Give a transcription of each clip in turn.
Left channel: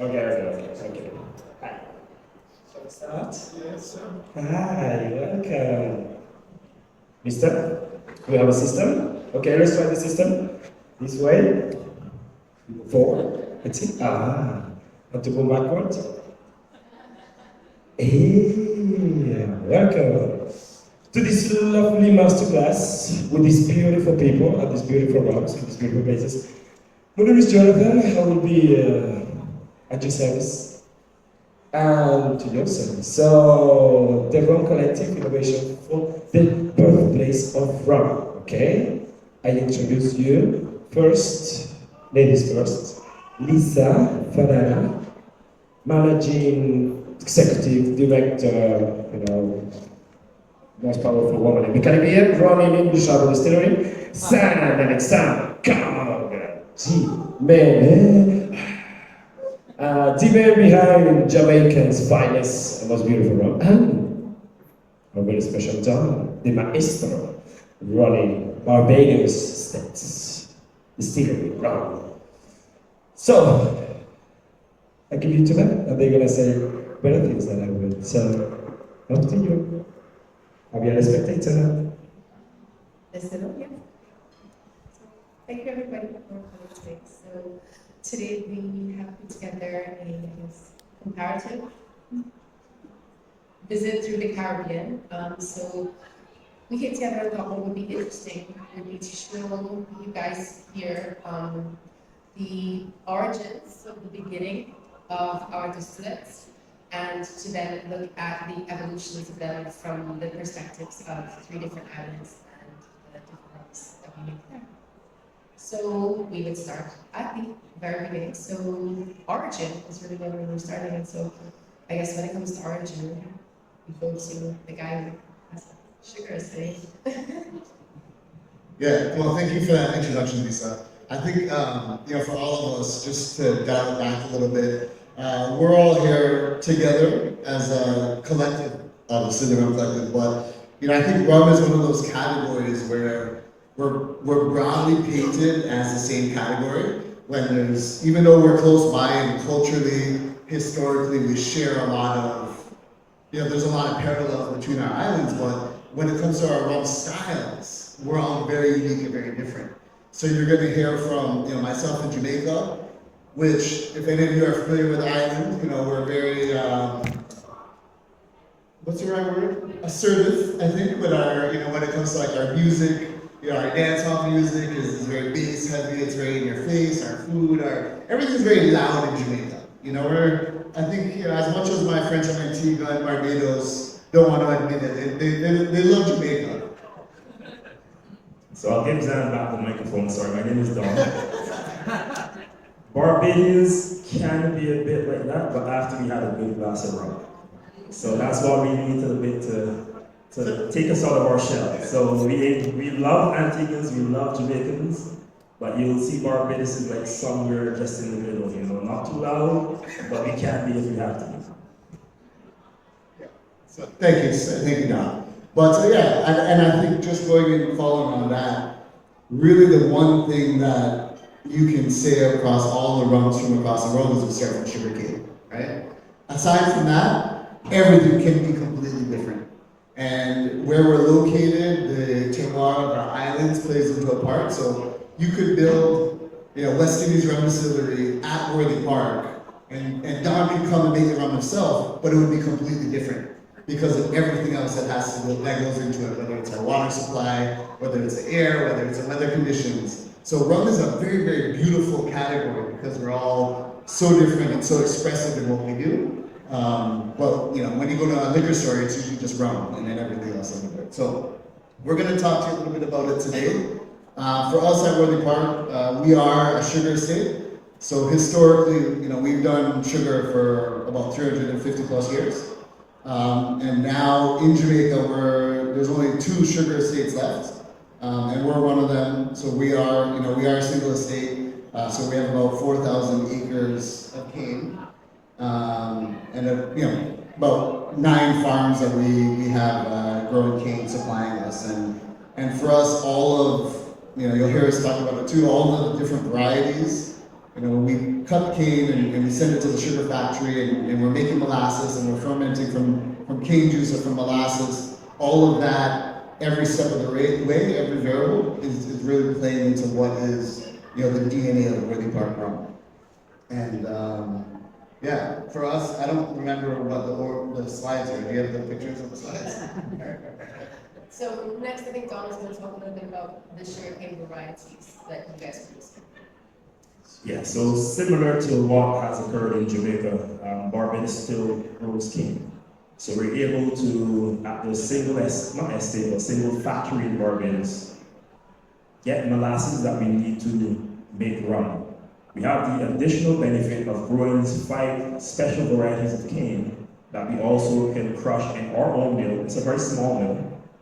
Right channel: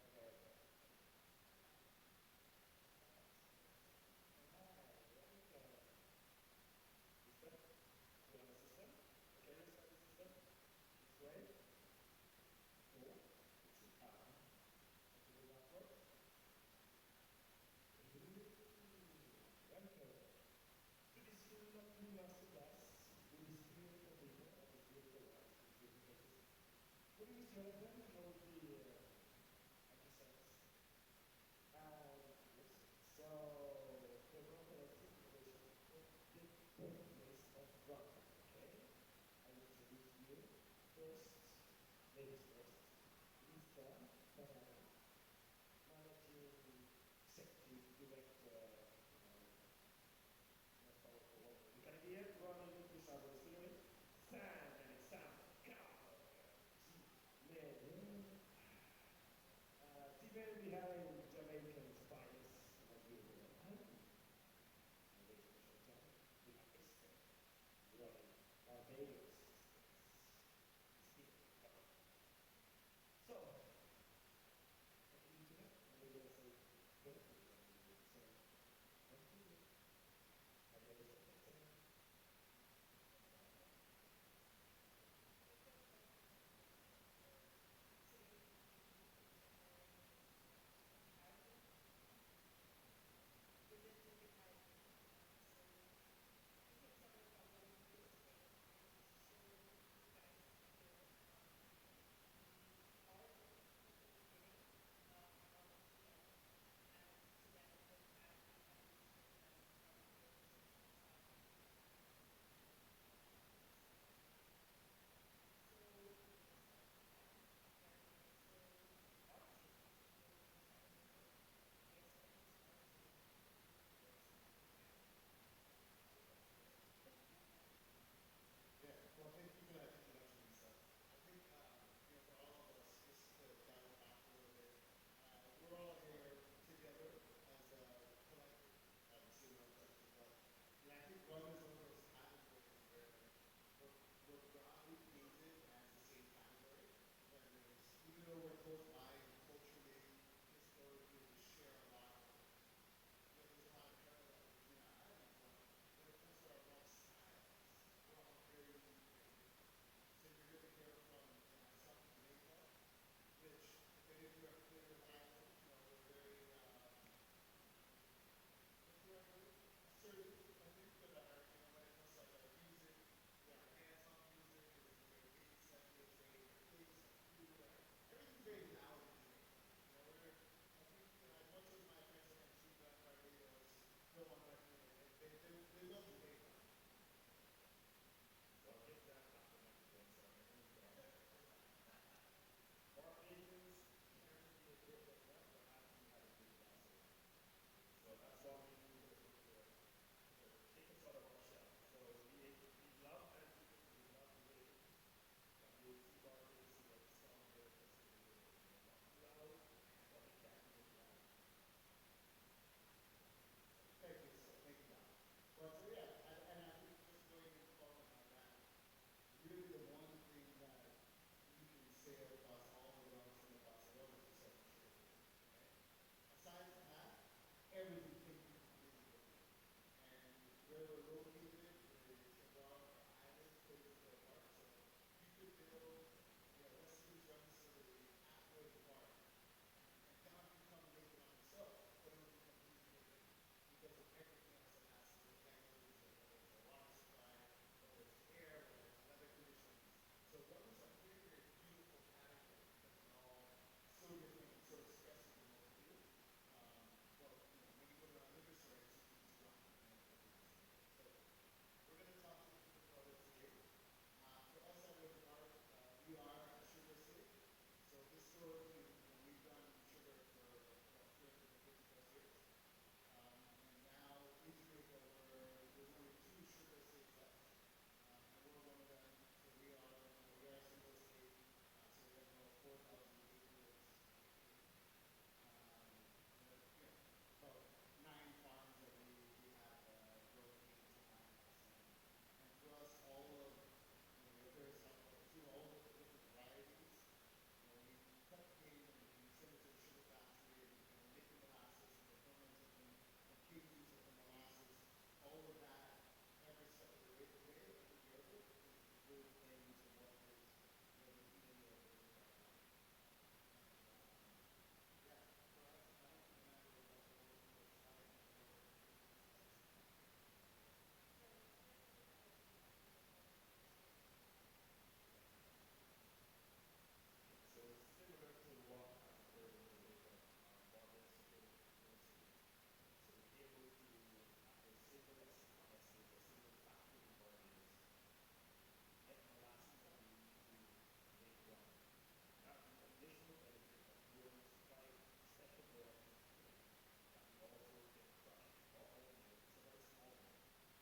Okay. Hi. Shall we start? Yes, sir. Hi, welcome. Mister, we have a system. Okay, let's try the system. This way. Forward. That's it. Want to go backwards? Hey, welcome to this lovely masterclass with these beautiful people at these beautiful rooms, with these beautiful places. My name is Jonathan. I will be at your service and to your service. So, the Rum Collective Innovation for the Birthplace of Rum. Okay? I introduce you first, ladies first, Lisa Farara, Managing Executive Director, most powerful woman in the Caribbean, running English Travel Distillery, San Alexander, come on, G, man, the man behind Jamaican's finest and most beautiful rum, and a very special Don, the maestro, running Barbados States Distillery rum. So, I give you to them, and they're gonna say better things than I will. So, up to you. I'll be a spectator. Listen, yeah. So, thank you everybody for coming today. So today we have put together a comparative visit through the Caribbean. So we came together and thought what would be interesting would be to show you guys here the origins of the beginning of our distillates, and to then look at the evolutions of them from the perspectives of 3 different islands and the different rums that we make there. So we would start at the very beginning. So origin is really where we were starting, and so I guess when it comes to origin, we go to the guy who has sugar estate. Yeah, well, thank you for that introduction, Lisa. I think, for all of us, just to dial it back a little bit, we're all here together as a collective, obviously the Rum Collective, but, I think rum is one of those categories where we're broadly painted as the same category, when there's, even though we're close by and culturally, historically, we share a lot of, there's a lot of parallels between our islands, but when it comes to our rum styles, we're all very unique and very different. So you're going to hear from myself in Jamaica, which, if any of you are familiar with the island, we're very, what's the right word? Assertive, I think, with our, when it comes to like our music, our dance hall music is very bass heavy, it's very in your face, our food, everything's very loud in Jamaica. I think, as much as my friends from Antigua and Barbados don't want to admit it, they love Jamaica. So I'll give Zan back the microphone. Sorry, my name is Don. Barbadians can be a bit like that, but after we had a good glass of rum. So that's why we need a bit to take us out of our shell. So we love Antiguans, we love Jamaicans, but you'll see Barbados is like somewhere just in the middle, not too loud, but we can be if we have to be. So thank you, Don. But and I think just going in and following on that, really the one thing that you can say across all the rums from across the world is we start from sugarcane, right? Aside from that, everything can be completely different. And where we're located, the terroir of our islands plays into a part. So you could build, West Indies Rum Distillery at Worthy Park, and Don could come and make the rum himself, but it would be completely different, because of everything else that goes into it, whether it's our water supply, whether it's the air, whether it's the weather conditions. So rum is a very, very beautiful category because we're all so different and so expressive in what we do. But when you go to a liquor store, it's usually just rum and then everything else under there. So we're going to talk to you a little bit about it today. For us at Worthy Park, we are a sugar estate. So historically, we've done sugar for about 350 plus years. And now in Jamaica, there's only 2 sugar estates left, and we're one of them. So we are a single estate. So we have about 4,000 acres of cane, and about 9 farms that we have growing cane supplying us. And for us, all of you'll hear us talk about it too. All of the different varieties, You know, when we cut cane and we send it to the sugar factory and we're making molasses and we're fermenting from cane juice or from molasses, all of that, every step of the way, every variable is really playing into what is, you know, the DNA of Worthy Park rum. And yeah, for us, I don't remember what the slides are. Do you have the pictures of the slides? So next, I think Don is going to talk a little bit about the sugarcane varieties that you guys produce. Yeah, so similar to what has occurred in Jamaica, Barbados still grows cane. So we're able to, at the not estate, but single factory in Barbados, get molasses that we need to make rum. We have the additional benefit of growing 5 special varieties of cane that we also can crush in our own mill. It's a very small mill,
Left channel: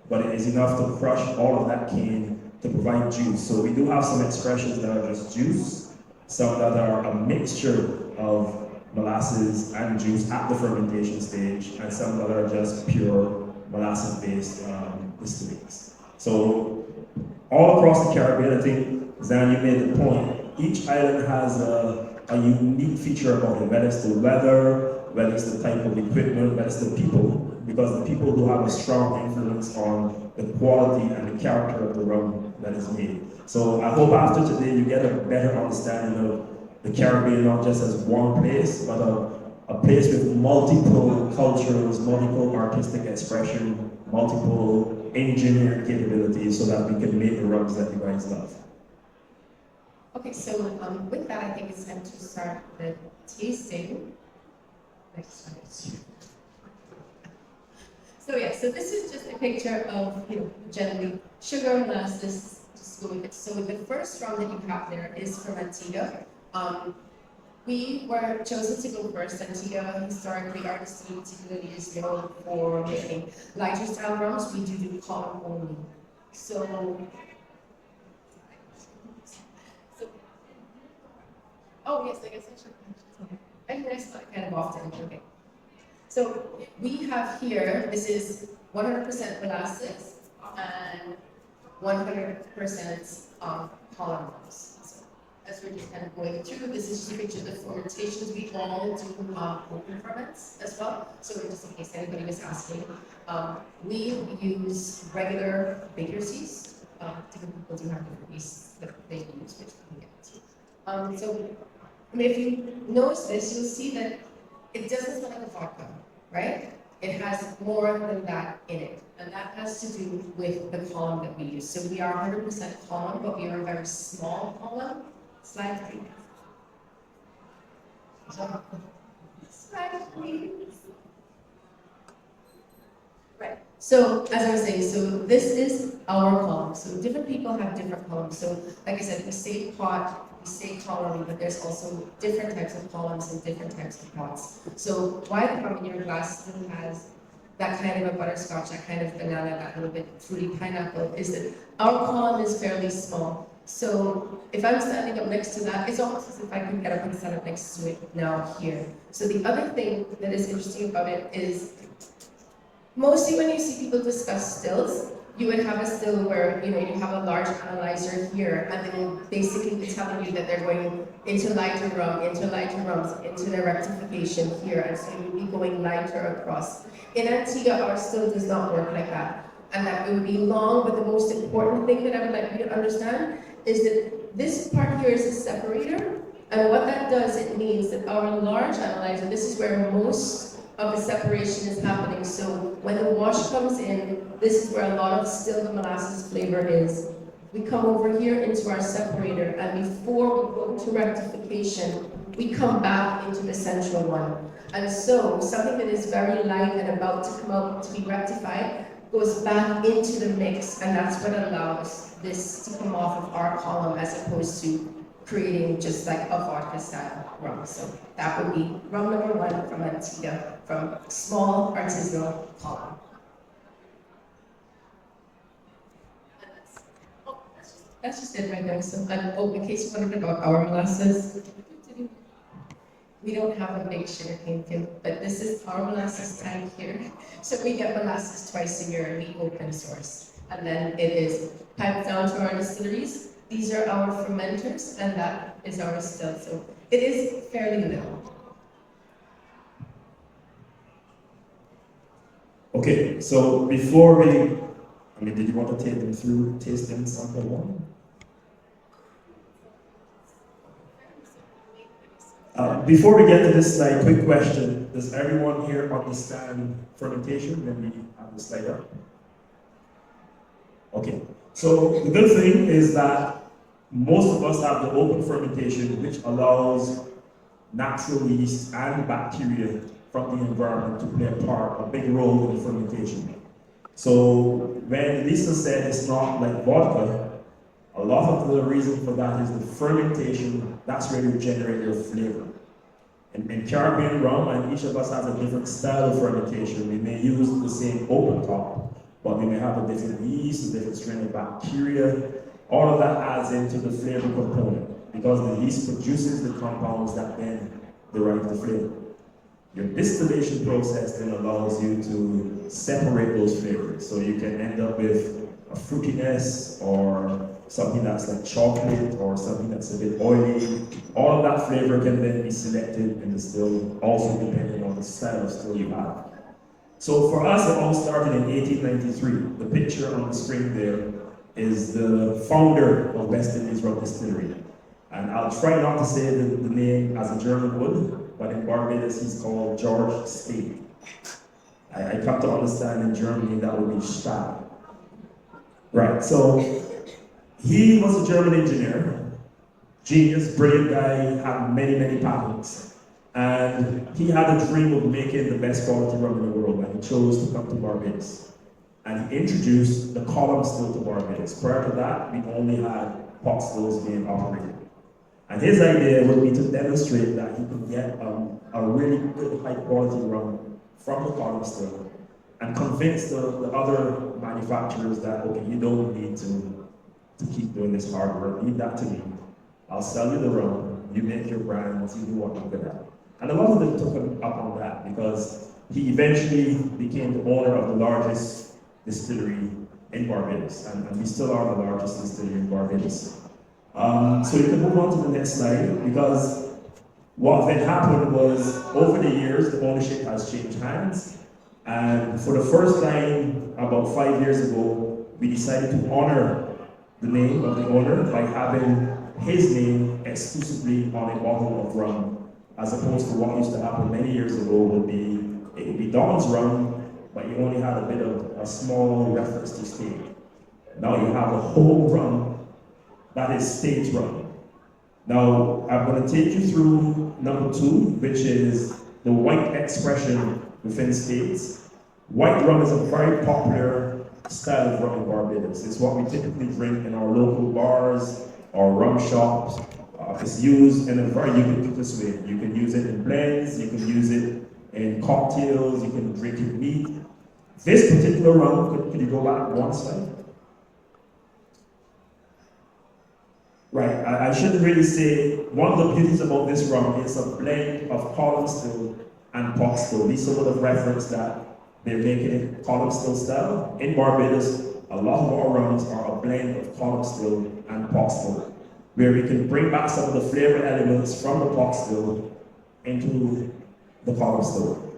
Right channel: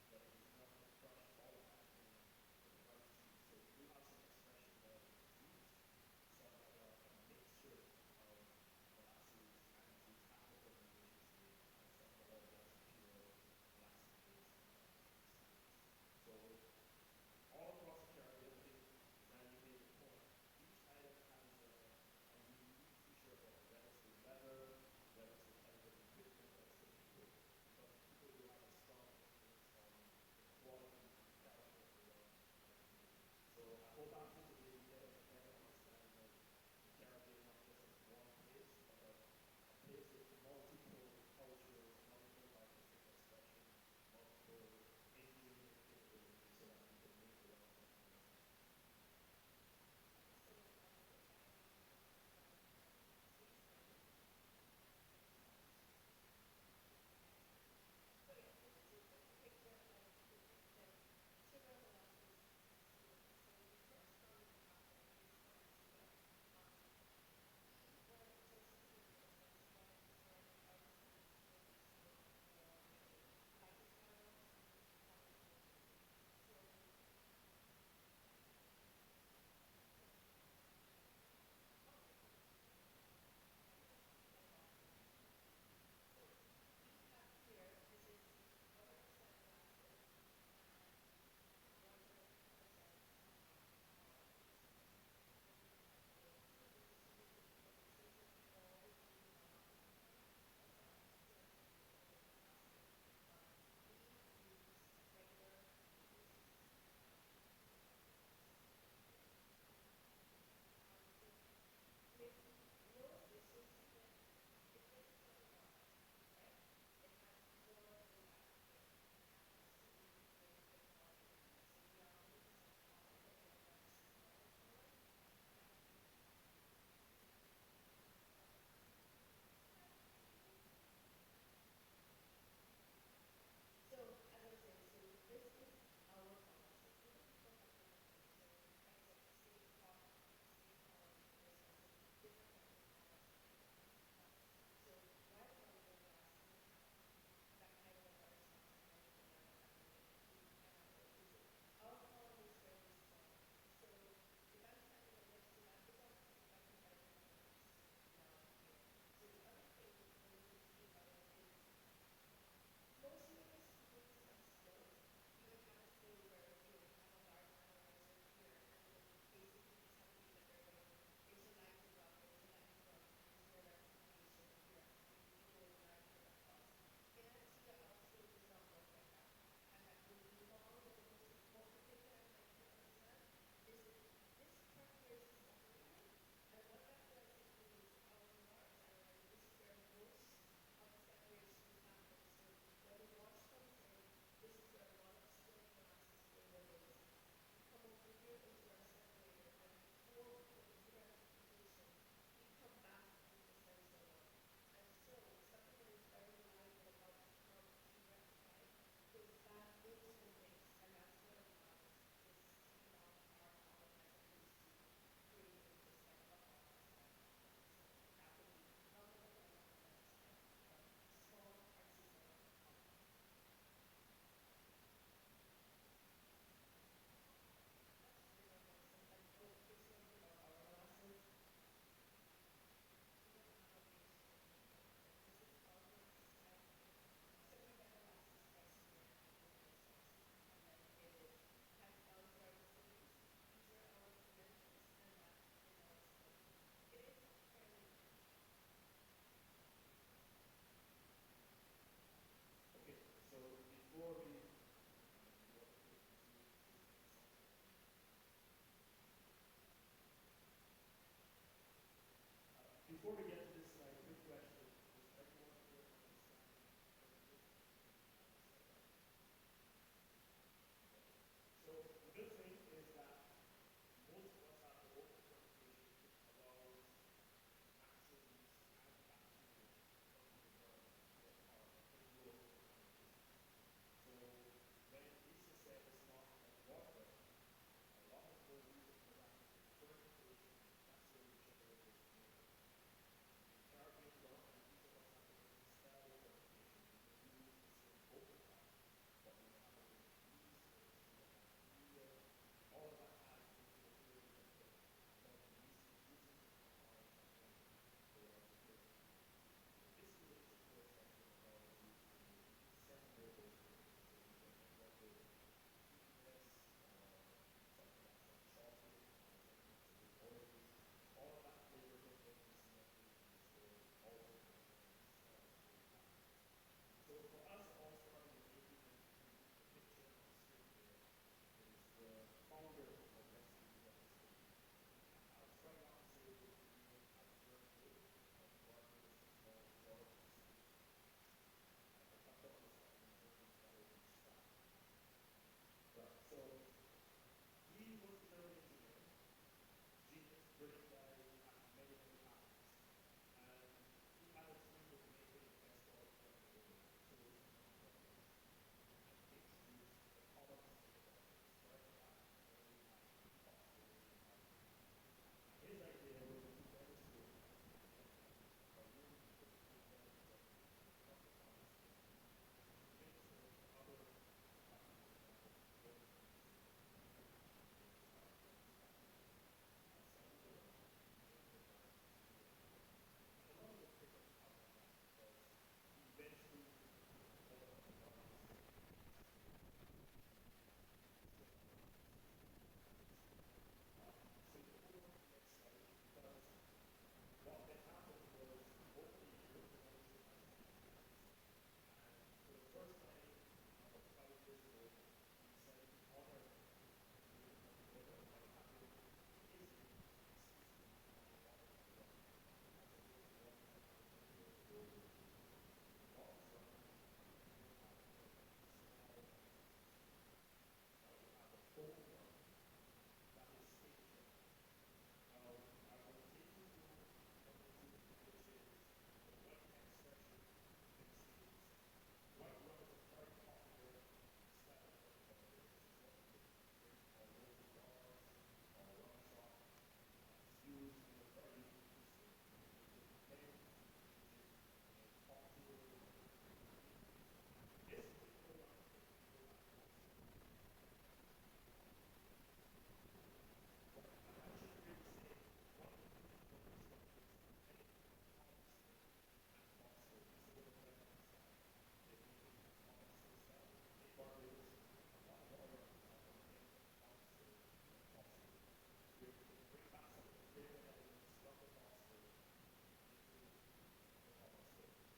but it is enough to crush all of that cane to provide juice. So we do have some expressions that are just juice, some that are a mixture of molasses and juice at the fermentation stage, and some that are just pure molasses-based distillings. So all across the Caribbean, I think, Zan, you made the point, each island has a unique feature about it, whether it's the weather, whether it's the type of equipment, whether it's the people, because the people do have a strong influence on the quality and the character of the rum that is made. So I hope after today you get a better understanding of the Caribbean, not just as one place, but a place with multiple cultures, multiple artistic expression, multiple engineering capabilities, so that we can make the rums that you guys love. Okay, so with that, I think it's time to start the tasting. Next slide. So yeah, so this is just a picture of, you know, generally sugar, molasses, just go with it. So the first rum that you have there is from Antigua. We were chosen to go first. Antigua, historically, our distillery particularly is known for making lighter style rums. We do column only. So oh yes, I guess I should. And next, kind of often, okay. So we have here, this is 100% molasses and 100% column rums. So as we're just kind of going through, this is just a picture of the fermentations. We all do open ferments as well. So just in case anybody was asking, we use regular baker's yeast. Different people do have different yeasts that they use, which we can get to. So I mean, if you notice this, you'll see that it doesn't smell like a vodka, right? It has more than that in it. And that has to do with the column that we use. So we are 100% column, but we are a very small column. Slide 3. Slide please. Right. So as I was saying, so this is our column. So different people have different columns. So like I said, we say pot, we say column, but there's also different types of columns and different types of pots. So why the rum in your glass still has that kind of a butterscotch, that kind of banana, that little bit fruity pineapple, is that our column is fairly small. So if I'm standing up next to that, it's almost as if I could get up and stand up next to it now here. So the other thing that is interesting about it is, mostly when you see people discuss stills, you would have a still where, you know, you have a large analyzer here, and then basically it's telling you that they're going into lighter rum, into lighter rums, into the rectification here, and so you'll be going lighter across. In Antigua, our still does not work like that, and that it would be long, but the most important thing that I would like you to understand is that this part here is a separator, and what that does, it means that our large analyzer, this is where most of the separation is happening. So when the wash comes in, this is where a lot of still the molasses flavor is. We come over here into our separator, and before we go to rectification, we come back into the central one. And so something that is very light and about to come out to be rectified goes back into the mix, and that's what allows this to come off of our column as opposed to creating just like a vodka style rum. So that would be rum number 1 from Antigua, from small artisanal column. That's just it right there. So, in case you wondered about our molasses, we don't have a big sugarcane field, but this is our molasses tank here. So we get molasses twice a year, and we open source. And then it is piped down to our distilleries, these are our fermenters, and that is our still. So it is fairly new. Okay, so before we, did you want to take them through tasting sample one? Before we get to this slide, quick question. Does everyone here understand fermentation when we have the slide up? Okay, so the good thing is that most of us have the open fermentation, which allows natural yeast and bacteria from the environment to play a big role in fermentation. So when Lisa said it's not like vodka, a lot of the reason for that is the fermentation, that's where you generate your flavor. In Caribbean rum, and each of us has a different style of fermentation. We may use the same open top, but we may have a different yeast, a different strain of bacteria. All of that adds into the flavor component because the yeast produces the compounds that then derive the flavor. Your distillation process then allows you to separate those flavors. So you can end up with a fruitiness or something that's like chocolate or something that's a bit oily. All of that flavor can then be selected in the still, also depending on the style of still you have. So for us, it all started in 1893. The picture on the screen there is the founder of West Indies Rum Distillery. And I'll try not to say the name as a German would, but in Barbados he's called George Spade. I come to understand in Germany that would be Stahl. Right, so he was a German engineer, genius, brilliant guy, had many patents. And he had a dream of making the best quality rum in the world, and he chose to come to Barbados. And he introduced the column still to Barbados. Prior to that, we only had pot stills being operated. And his idea would be to demonstrate that he could get a really good high quality rum from the column still and convince the other manufacturers that, okay, you don't need to keep doing this hard work, leave that to me. I'll sell you the rum, you make your brands, you do what you're good at. And a lot of them took him up on that because he eventually became the owner of the largest distillery in Barbados, and we still are the largest distillery in Barbados. So you can move on to the next slide, because what then happened was, over the years, the ownership has changed hands, and for the first time, about 5 years ago, we decided to honor the name of the owner by having his name exclusively on a bottle of rum, as opposed to what used to happen many years ago it would be Don's rum, but you only had a bit of a small reference to state. Now you have a whole rum that is state rum. Now I'm going to take you through number 2, which is the white expression within states. White rum is a very popular style of rum in Barbados. It's what we typically drink in our local bars or rum shops. It's used in a very ubiquitous way. You can use it in blends, you can use it in cocktails, you can drink it neat. This particular rum, could you go back one slide? Right, I shouldn't really say, one of the beauties about this rum is a blend of column still and pot still. Lisa would have referenced that they're making it column still style. In Barbados, a lot of our rums are a blend of column still and pot still, where we can bring back some of the flavor elements from the pot still into the column still.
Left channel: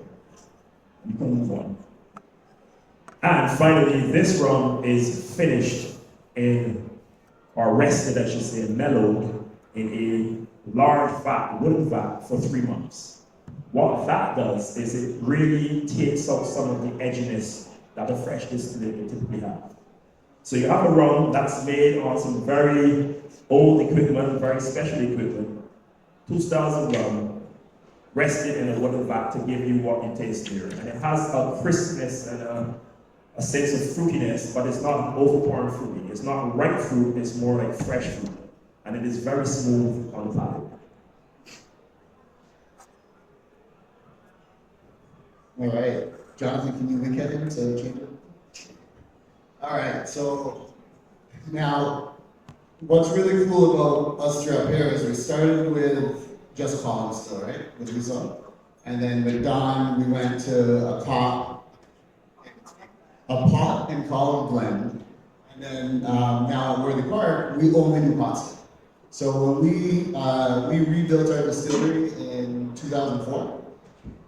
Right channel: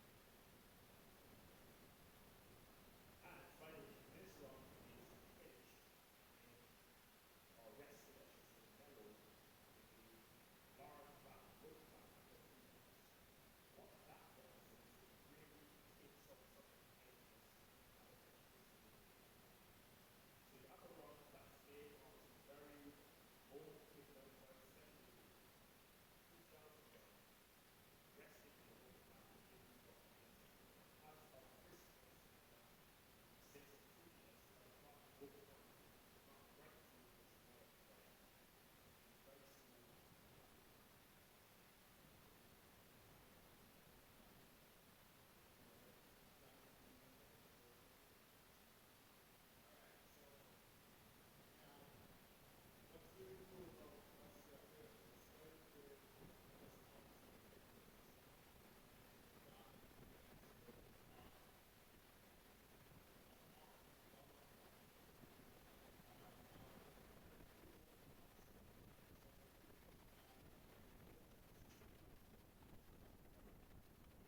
You can move on. And finally, this rum is finished or rested, I should say, mellowed in a large vat, wooden vat, for 3 months. What that does is it really takes out some of the edginess that a fresh distillate would typically have. So you have a rum that's made on some very old equipment, very special equipment, 2 styles of rum, rested in a wooden vat to give you what you taste here. And it has a crispness and a sense of fruitiness, but it's not overpowering fruity. It's not ripe fruit, it's more like fresh fruit. And it is very smooth on the palate. All right, Jonathan, can you link that in so change it? All right, so now what's really cool about us three up here is we started with just column still, right, which we saw, and then with Don we went to a pot and column blend, And then now at Worthy Park, we only do pot still. So when we rebuilt our distillery in 2004,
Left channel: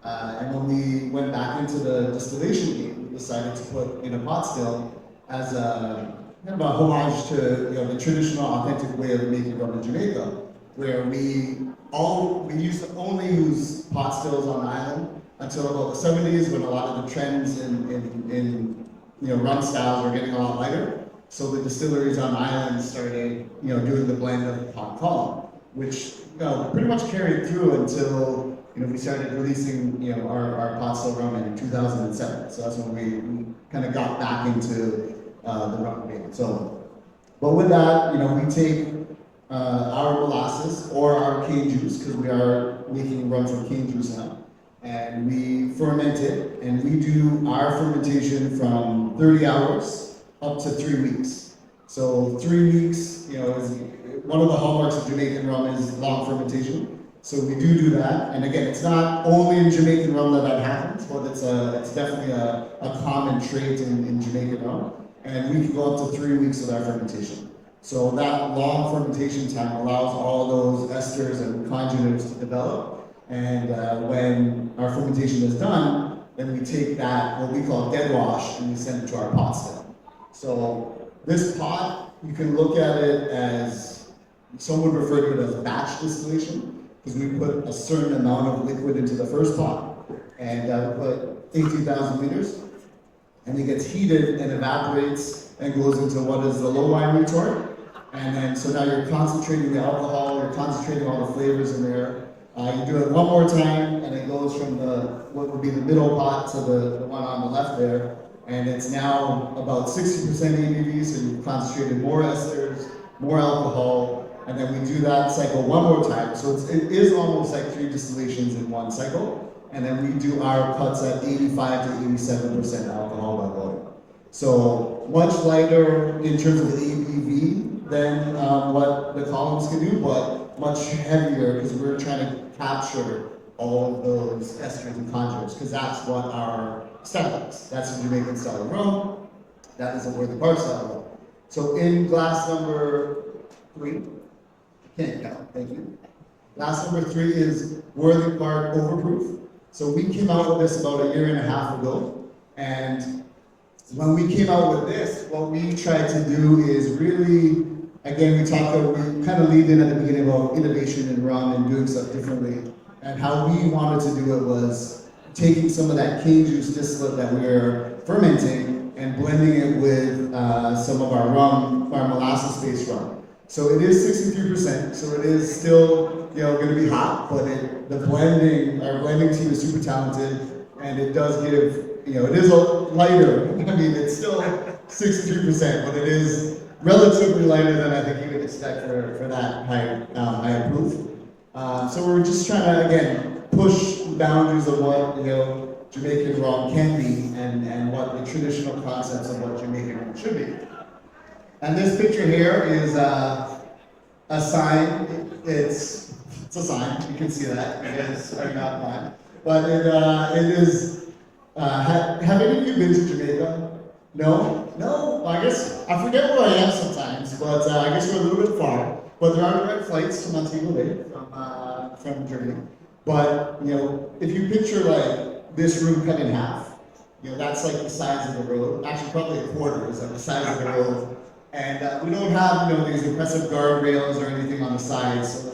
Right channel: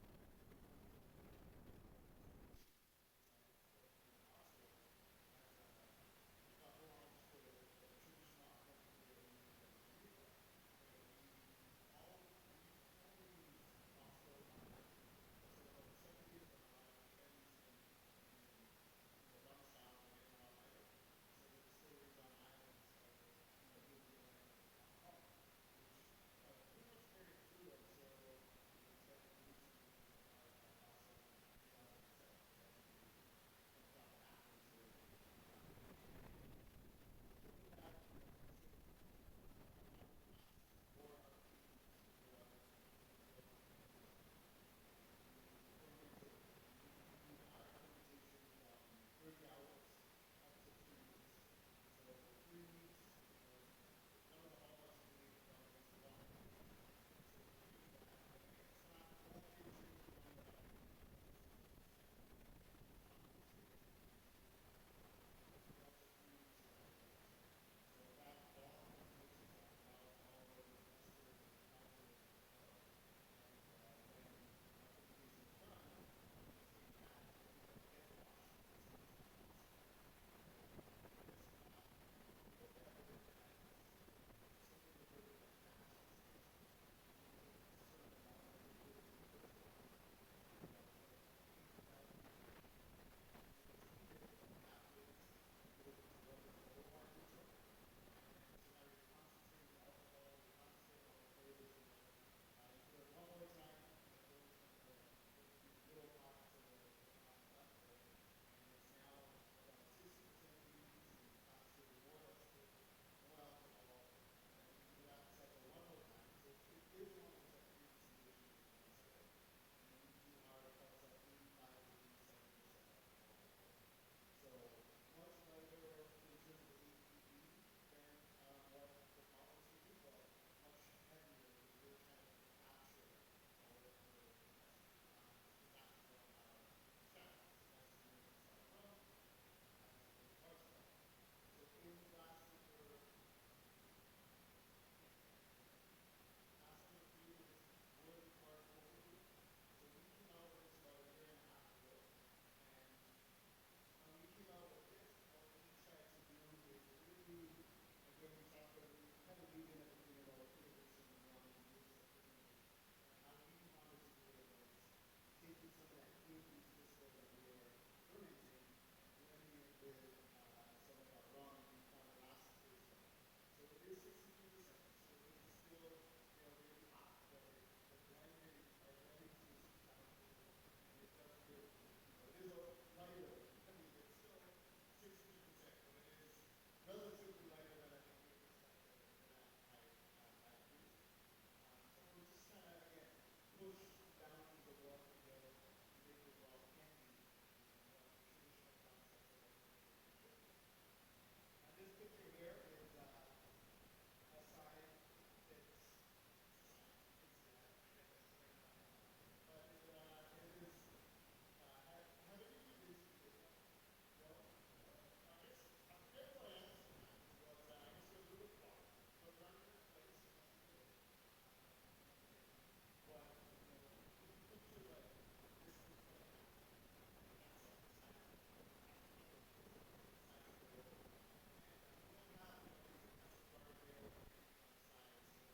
and when we went back into the distillation game, we decided to put in a pot still as a kind of a homage to the traditional, authentic way of making rum in Jamaica, where we used to only use pot stills on the island until about the 70s, when a lot of the trends in rum styles were getting a lot lighter. So the distilleries on the island started doing the blend of pot column, which pretty much carried through until we started releasing our pot still rum in 2007. So that's when we kind of got back into the rum game. So, but with that, we take our molasses or our cane juice, because we are making rum from cane juice now, and we ferment it, and we do our fermentation from 30 hours up to 3 weeks. So 3 weeks, is one of the hallmarks of Jamaican rum is long fermentation. So we do that, and again, it's not only in Jamaican rum that happens, but it's definitely a common trait in Jamaican rum. And we can go up to 3 weeks with our fermentation. So that long fermentation time allows all those esters and congeners to develop. And when our fermentation is done, then we take that, what we call dead wash, and we send it to our pot still. So this pot, you can look at it as, some would refer to it as batch distillation, because we put a certain amount of liquid into the first pot, and we put 18,000 liters, and it gets heated and evaporates and goes into what is the low wine retort. And then, so now you're concentrating the alcohol, you're concentrating all the flavors in there. You do it one more time, and it goes from what would be the middle pot to the one on the left there. And it's now about 60% ABV, so you've concentrated more esters, more alcohol, and then we do that cycle one more time. So it is almost like 3 distillations in one cycle. And then we do our cuts at 85 to 87% alcohol by volume. So much lighter in terms of the ABV than what the columns can do, but much heavier because we're trying to capture all of those esters and congeners, because that's what our style is. That's a Jamaican style of rum. That is a Worthy Park style of rum. So in glass number 3, can't count, thank you. Glass number 3 is Worthy Park Overproof. So we came out with this about 1.5 years ago, and when we came out with this, what we tried to do is really, again, we kind of lead in at the beginning about innovation in rum and doing stuff differently. And how we wanted to do it was taking some of that cane juice distillate that we're fermenting and blending it with some of our rum, our molasses-based rum. So it is 63%, so it is still going to be hot, but our blending team is super talented, and it does give, it is a lighter. I mean, it's still 63%, but it is relatively lighter than I think you would expect for that high proof. So we're just trying to, again, push the boundaries of what Jamaican rum can be, and what the traditional concepts of what Jamaican rum should be. And this picture here is a sign. It's a sign. You can see that. It is not mine. But it is. Have any of you been to Jamaica? No? No? I guess I forget where I am sometimes, but I guess we're a little bit far. But there are direct flights to Montego Bay from Germany. But if you picture like this room cut in half, that's like the size of the road. Actually, probably a quarter is like the size of the road. And we don't have these impressive guardrails or anything on the sides, so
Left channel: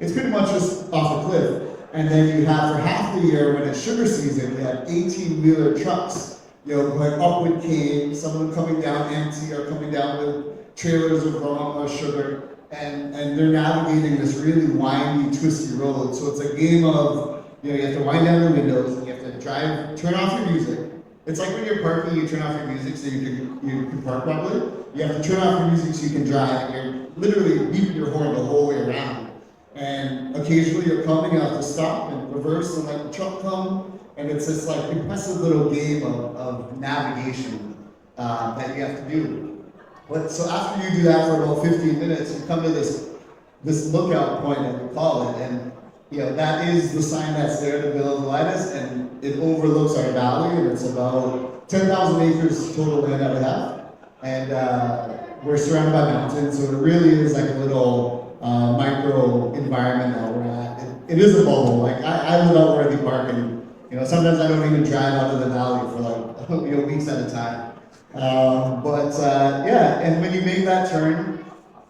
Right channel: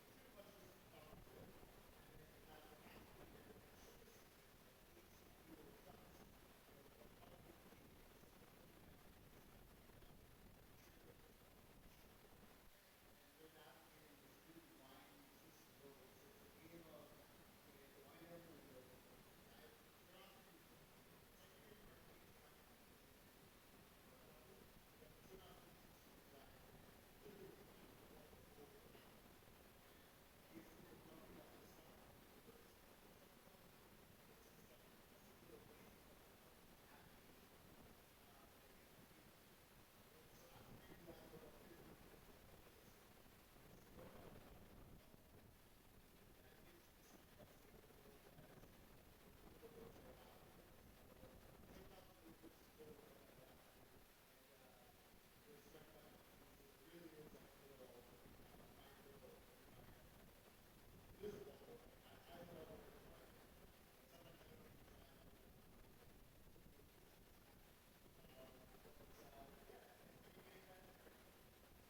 it's pretty much just off a cliff. And then you have, for half the year, when it's sugar season, we have 18-wheeler trucks, going up with cane, some of them coming down empty or coming down with trailers of rum or sugar, and they're navigating this really windy, twisty road. So it's a game of, you have to wind down the windows, and you have to drive, turn off your music. It's like when you're parking, you turn off your music so you can park properly. You have to turn off your music so you can drive, and you're literally beeping your horn the whole way around. And occasionally you're coming, you have to stop and reverse and let the truck come. And it's this like impressive little game of navigation that you have to do. But so after you do that for about 15 minutes, you come to this lookout point, that we call it, and that is the sign that's there to Villa Velitas, and it overlooks our valley, and it's about 10,000 acres total land that we have. and we're surrounded by mountains, so it really is like a little micro environment that we're at. It is a bubble. Like I live out Worthy Park, and sometimes I don't even drive out of the valley for like weeks at a time. Yeah, and when you make that turn,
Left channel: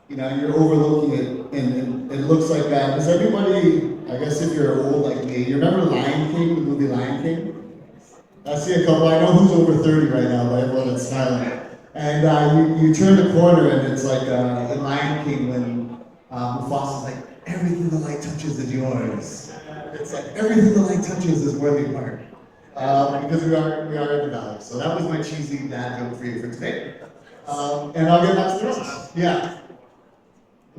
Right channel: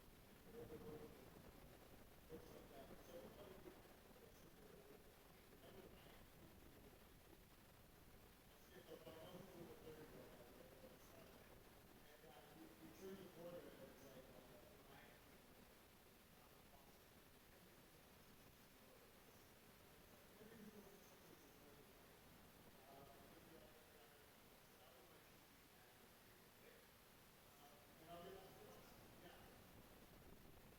you're overlooking it, and it looks like that. Does everybody, I guess if you're old like me, you remember Lion King, the movie Lion King? I see a couple, I know who's over 30 right now, but everyone that's smiling. And you turn the corner, and it's like in Lion King when Mufasa's like, everything the light touches is yours. It's like, everything the light touches is Worthy Park. Because we are in the valley. So that was my cheesy dad joke for you for today. And I'll get back to the rest. Yeah.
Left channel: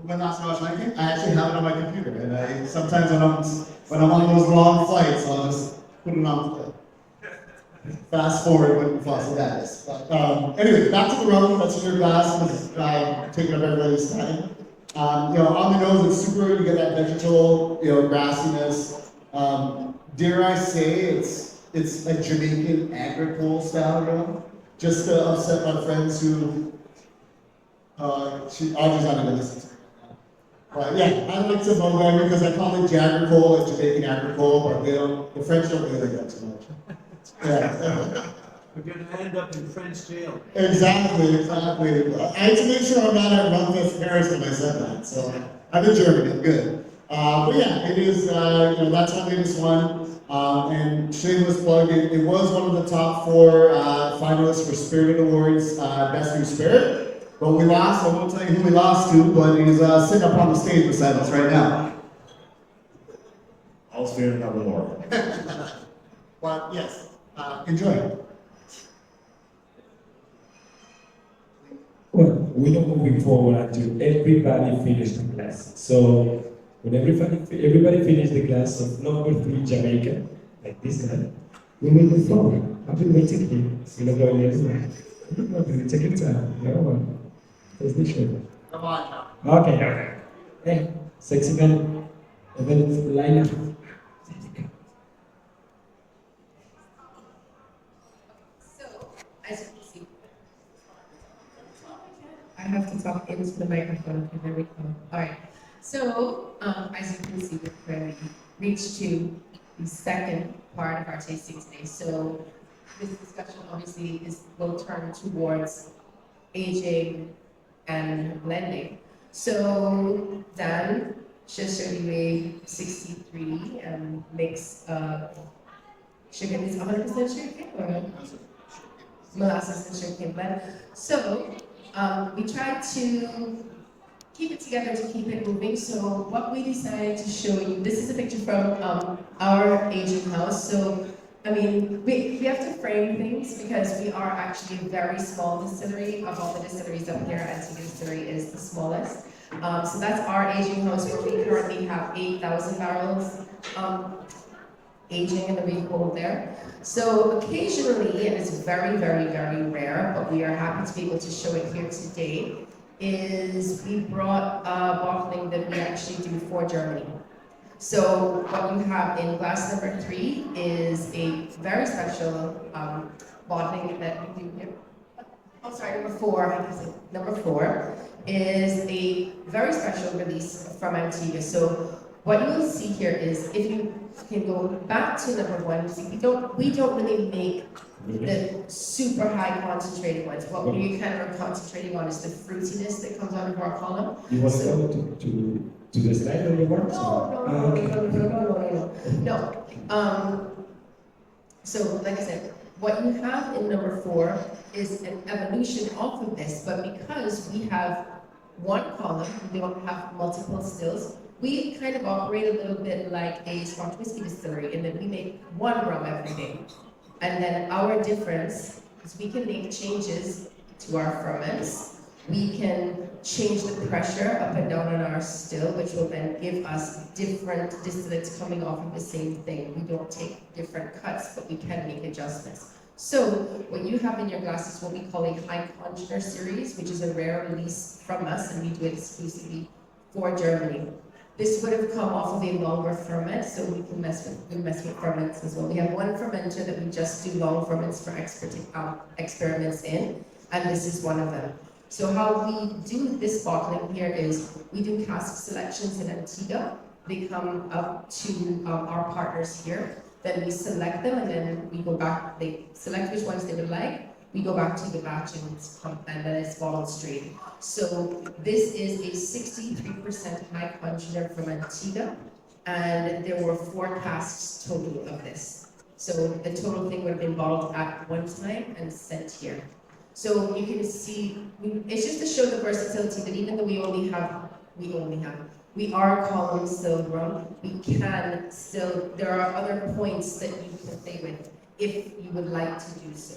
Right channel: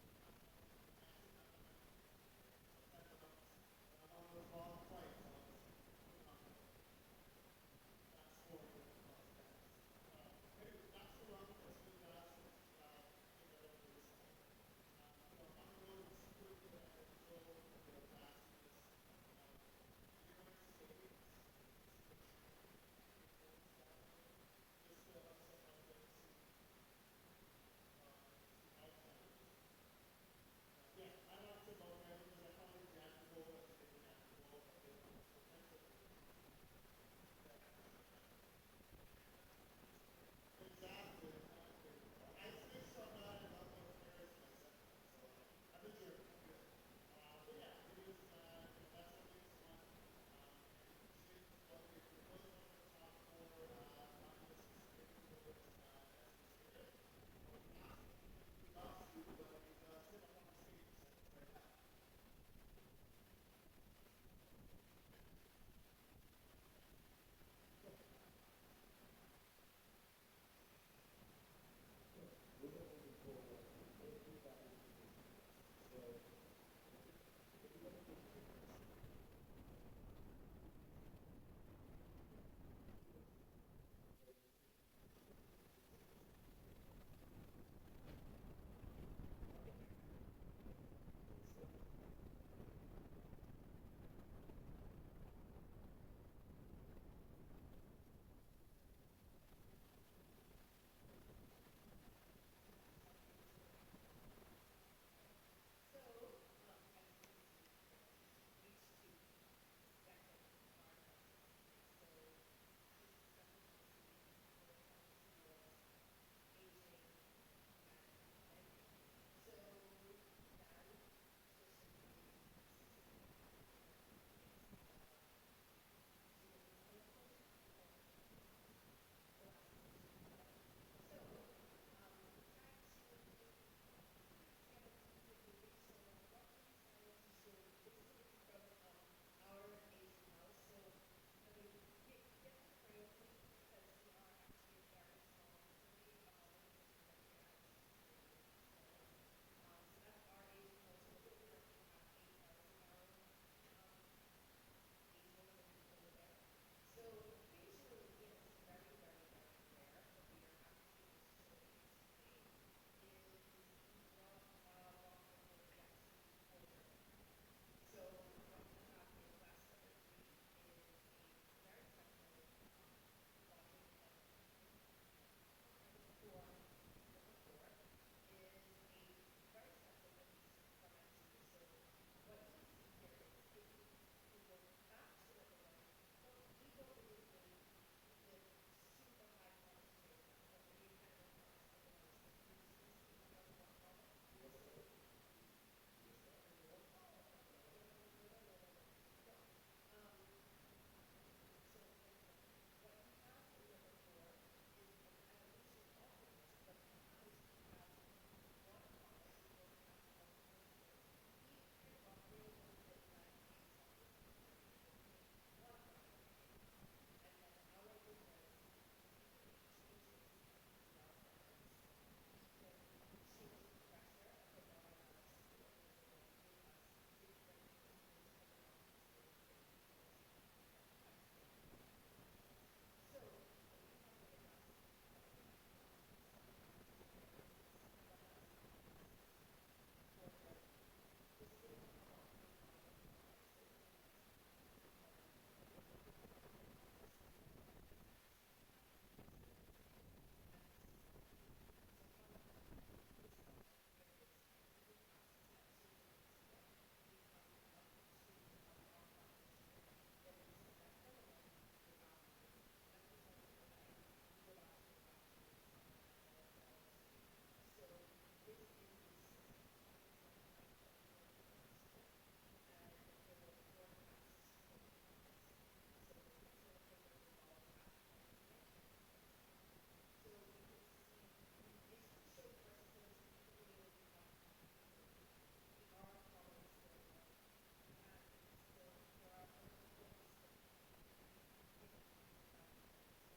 When last I watched Lion King, I actually have it on my computer, and I sometimes when I'm on those long flights, I'll just put it on play. Fast forward when Mufasa dies. But anyway, back to the rum that's in your glass, because taking up everybody's time. On the nose, it's super. You get that vegetal, grassiness. Dare I say, it's a Jamaican agricole style rum. Just to upset my friends who. Audrey's not gonna listen to me. But yeah, I like to vulgar because I call it Jagricole and Jamaican agricole, but the French don't really like that too much. Yeah. We're going to end up in French jail. Exactly. I had to make sure I'm not at Rumfest Paris when I said that. So I'm in Germany, I'm good. But yeah, it is, that's our latest one. And shameless plug, it was one of the top 4 finalists for Spirit Awards Best New Spirit. But we lost, I won't tell you who we lost to, but he's sitting up on the stage beside us right now. I'll spare another more. But yes, enjoy. Well, we're not moving forward until everybody finished the class. So when everybody finished the class of number 3 Jamaica, like this guy, we will move forward. I've been waiting here. We're not going anywhere. Take your time. No. That's the show. Come on. Okay. Hey, sexy man. Even line up. So, as you can see, I have to talk into the microphone. Okay, there we go. All right. So, as you can see, we've already reached to the second part of our tasting today. So, this discussion obviously will turn towards aging and blending. So, Dan Cheshire 63 makes sugar is 100% sugarcane or molasses and sugarcane blend. So we tried to keep it together to keep it moving. So what we decided to show you, this is a picture from our aging house. So I mean, we have to frame things because we are actually a very small distillery. Of all the distilleries up here, Antigua Distillery is the smallest. So that's our aging house where we currently have 8,000 barrels aging in the reed hold there. So occasionally, and it's very, very, very rare, but we are happy to be able to show it here today, is we brought a bottling that we actually do for Germany. So what you have in glass number 3 is a very special bottling that we do here. Oh, sorry, number 4. Number 4 is a very special release from Antigua. So what you will see here is, if you can go back to number 1, see, we don't really make the super high concentrated ones. What we kind of are concentrating on is the fruitiness that comes out of our column. You want to go to the slide on the work? No. So, like I said, what you have in number 4 is an evolution off of this, but because we have one column, we don't have multiple stills, we kind of operate a little bit like a Scotch whiskey distillery in that we make one rum every day. And then our difference is we can make changes to our ferments. We can change the pressure up and down on our still, which will then give us different distillates coming off of the same thing. We don't take different cuts, but we can make adjustments. So what you have in your glass is what we call a high congener series, which is a rare release from us, and we do it exclusively for Germany. This would have come off of a longer ferment, so we can mess with ferments as well. We have one fermenter that we just do long ferments for experiments in, and this is one of them. So how we do this bottling here is we do cask selections in Antigua. They come up to our partners here. Then we select them, and then we go back. They select which ones they would like. We go back to the batch, and then it's bottled straight. So this is a 63% high concentrate from Antigua, and there were 4 casks total of this. So the total thing would have been bottled at one time and sent here. So you can see, it's just to show the versatility that even though we are column still rum, we can still, there are other points that you can play with if you would like to do so.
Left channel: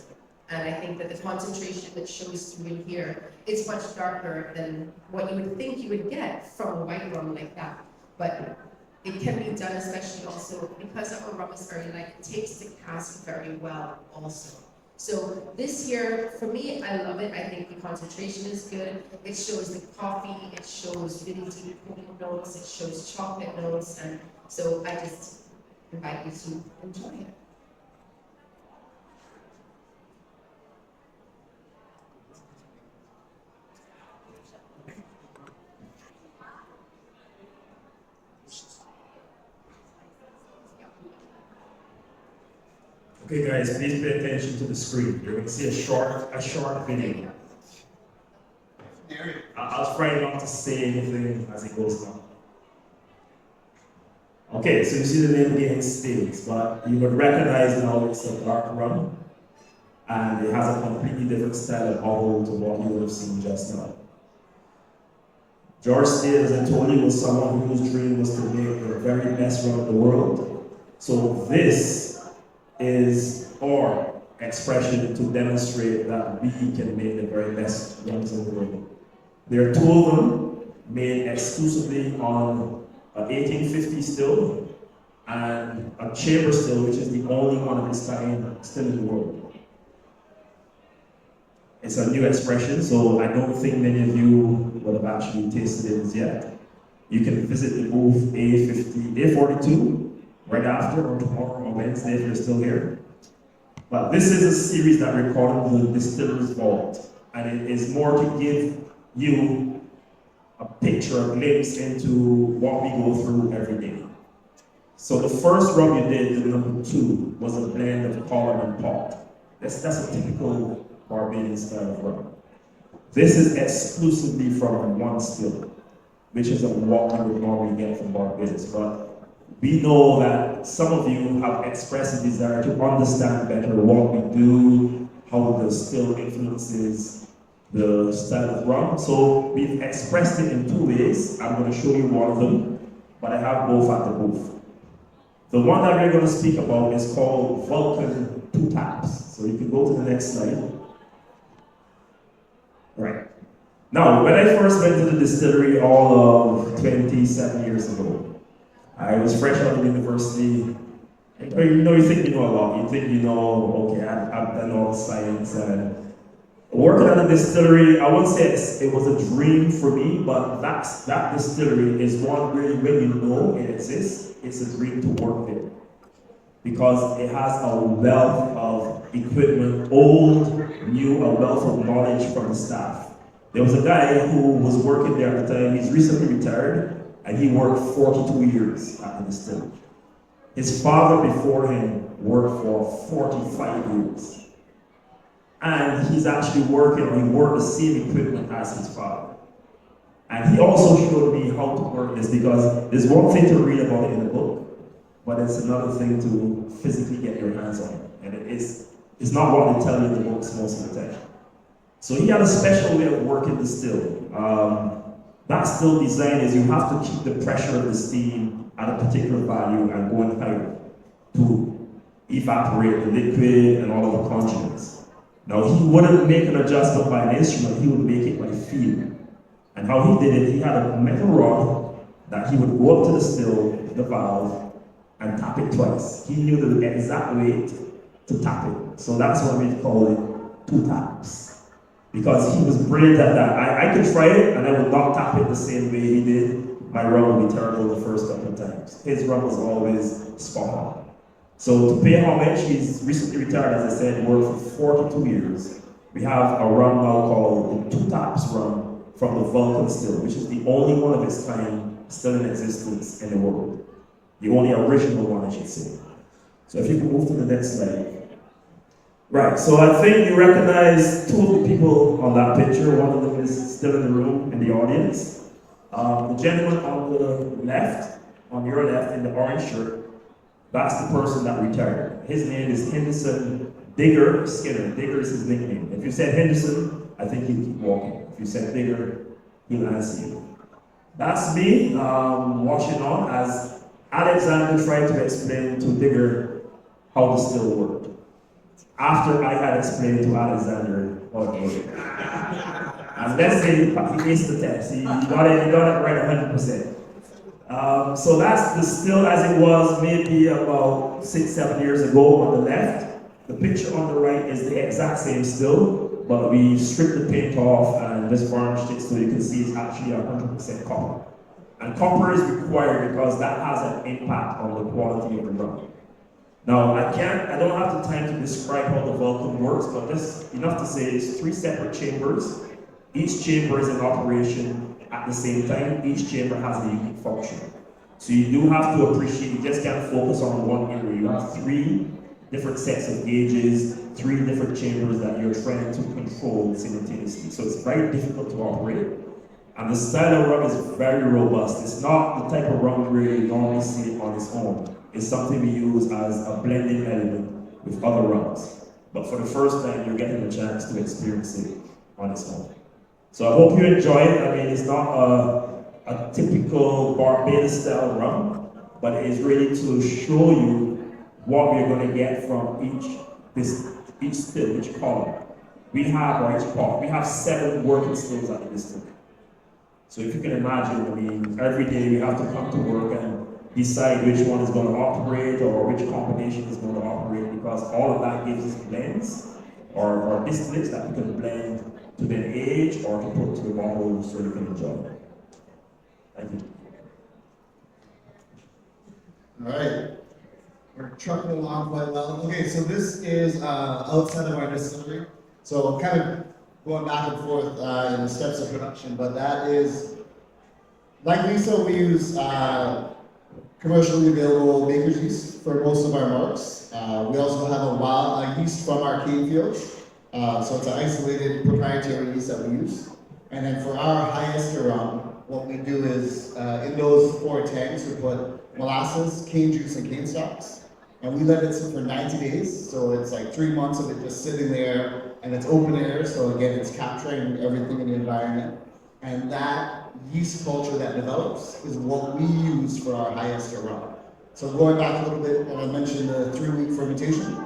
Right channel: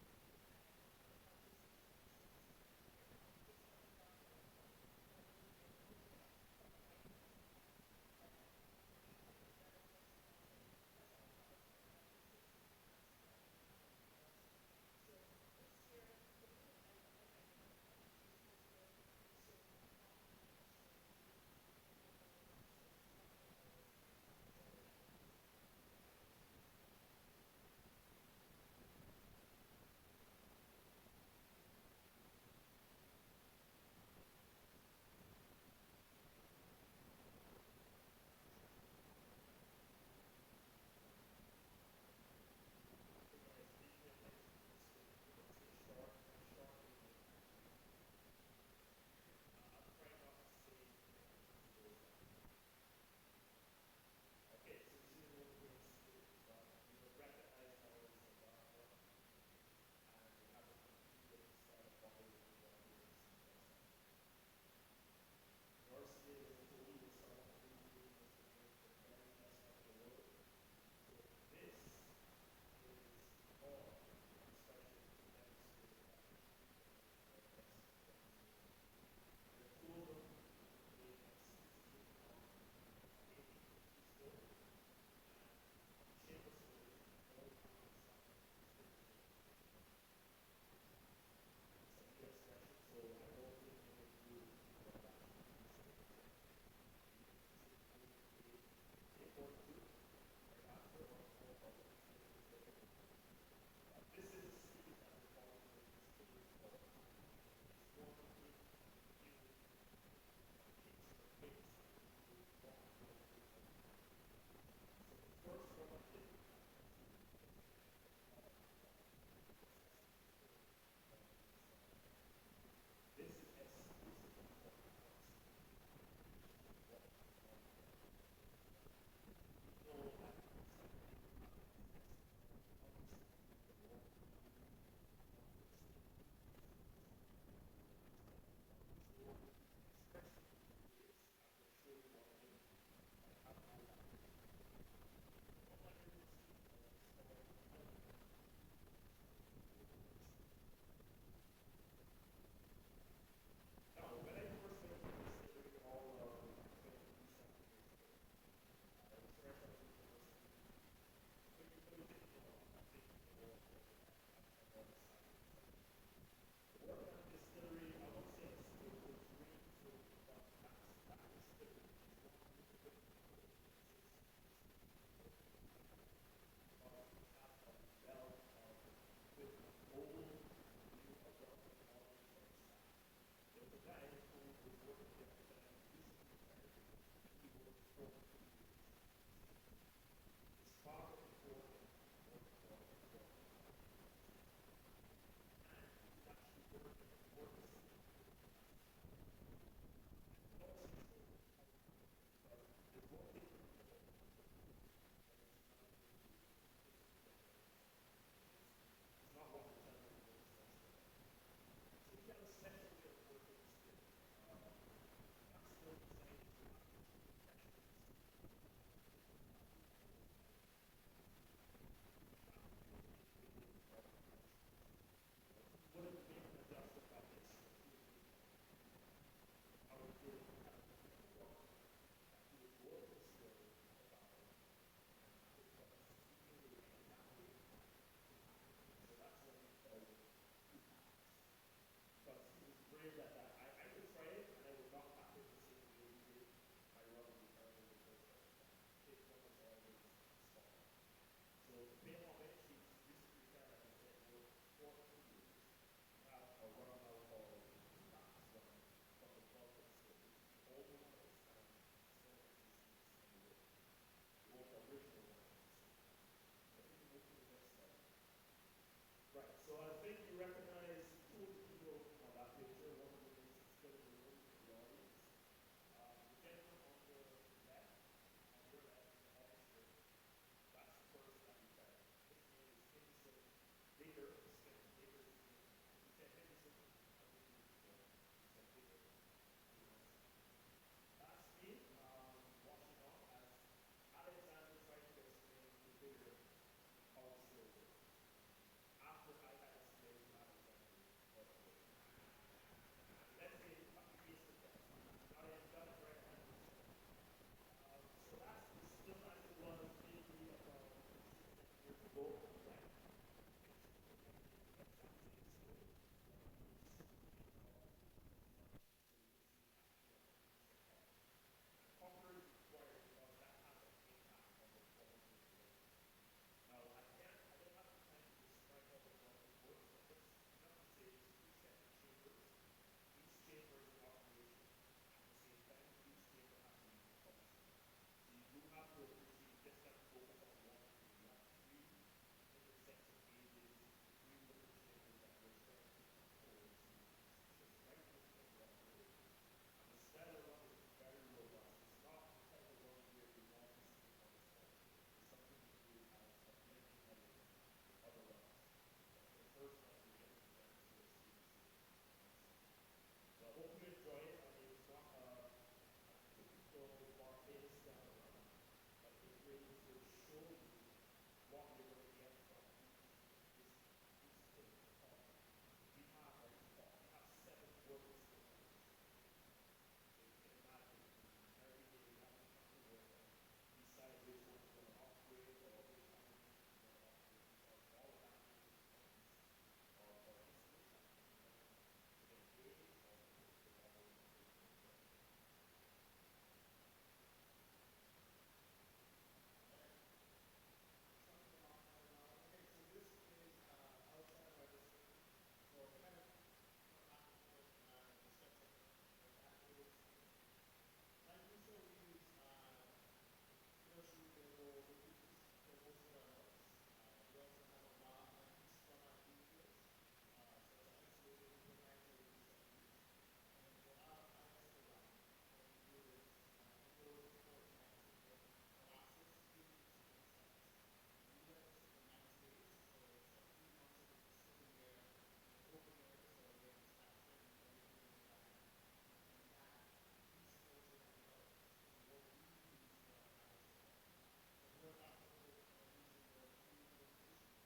And I think that the concentration that shows through in here is much darker than what you would think you would get from a white rum like that. But it can be done, especially also because our rum is very light, it takes the cask very well also. So this here, for me, I love it. I think the concentration is good. It shows the coffee, it shows really deep pudding notes, it shows chocolate notes, and so I just invite you to enjoy it. Okay guys, please pay attention to the screen. You're going to see a short video. I'll try not to say anything as it goes on. Okay, so you see the name again states, but you would recognize now it's a dark rum, and it has a completely different style of bottle to what you would have seen just now. George Steele, as I told you, was someone whose dream was to make the very best rum in the world. So this is our expression to demonstrate that we can make the very best rums in the world. There are 2 of them made exclusively on an 1850 still and a chamber still, which is the only one of its kind still in the world. It's a new expression, so I don't think many of you would have actually tasted it as yet. You can visit the booth A42 right after, or tomorrow or Wednesday if you're still here. But this is a series that recorded the Distiller's Vault, and it is more to give you a picture, a glimpse into what we go through every day. So the first rum you did, the number 2, was a blend of column and pot. That's a typical Barbadian style of rum. This is exclusively from one still, which is what you would normally get from Barbados. But we know that some of you have expressed a desire to understand better what we do, how the still influences the style of rum. So we've expressed it in 2 ways. I'm going to show you one of them, but I have both at the booth. The one that we're going to speak about is called Vulcan 2 Taps. So you can go to the next slide. Right. Now, when I first went to the distillery all of 27 years ago, I was fresh out of university. You think you know a lot. You think you know, okay, I've done all the science. And working at a distillery, I wouldn't say it was a dream for me, but that distillery is one really, when you know it exists, it's a dream to work there. Because it has a wealth of equipment, old, new, a wealth of knowledge from the staff. There was a guy who was working there at the time. He's recently retired, and he worked 42 years at the distillery. His father before him worked for 45 years. And he's actually he worked the same equipment as his father. And he also showed me how to work this, because there's one thing to read about it in a book, but it's another thing to physically get your hands on it. And it's not what they tell you in the books most of the time. So he had a special way of working the still. That still design is you have to keep the pressure of the steam at a particular value and going higher to evaporate the liquid and all of the conjugates. Now he wouldn't make an adjustment by an instrument, he would make it by feel. And how he did it, he had a metal rod that he would go up to the still, the valve, and tap it twice. He knew the exact weight to tap it. So that's why we call it 2 taps. Because he was brilliant at that. I could try it and I would not tap it the same way he did. My rum would be terrible the first couple of times. His rum was always spot on. So to pay homage, he's recently retired, as I said, worked for 42 years. We have a rum now called the Two Taps rum from the Vulcan still, which is the only one of its kind still in existence in the world. The only original one, I should say. So if you can move to the next slide. Right, so I think you recognize two of the people on that picture. One of them is still in the room, in the audience. The gentleman on the left, on your left, in the orange shirt, that's the person that retired. His name is Henderson Digger Skinner. Digger is his nickname. If you said Henderson, I think he'd keep walking. If you said Digger, he'll answer you. That's me watching on as Alexander tried to explain to Digger how the still worked. After I had explained to Alexander how it worked. And let's say he aced the test. He got it right 100%. So that's the still as it was maybe about 6-7 years ago on the left. The picture on the right is the exact same still, but we stripped the paint off and just varnished it so you can see it's actually 100% copper. And copper is required because that has an impact on the quality of the rum. Now, I don't have the time to describe how the Vulcan works, but just enough to say it's 3 separate chambers. Each chamber is in operation at the same time. Each chamber has a unique function. So you do have to appreciate, you just can't focus on one area. You have 3 different sets of gauges, 3 different chambers that you're trying to control simultaneously. So it's very difficult to operate. And the style of rum is very robust. It's not the type of rum where you normally see it on its own. It's something we use as a blending element with other rums. But for the first time, you're getting a chance to experience it on its own. So I hope you enjoy it. I mean, it's not a typical Barbados style rum, but it is really to show you what we're going to get from each still, each column. We have, or each pot, we have 7 working stills at the distillery. So if you can imagine, I mean, every day we have to come to work and decide which one is going to operate or which combination is going to operate, because all of that gives us blends or distillates that we can blend to then age or to put to the bottle so you can enjoy it. Thank you. All right, we're trucking along quite well. Okay, so this is outside of our distillery. So kind of going back and forth in the steps of production, but that is, like Lisa, we use commercially available baker's yeast for most of our marks. We also have a wild yeast from our cane fields. So it's an isolated proprietary yeast that we use. And then for our highest rum, what we do is in those 4 tanks, we put molasses, cane juice, and cane stalks. And we let it sit for 90 days. So it's like 3 months of it just sitting there, and it's open air. So again, it's capturing everything in the environment. And that yeast culture that develops is what we use for our highest rum. So going back a little bit, I mentioned the 3-week fermentation.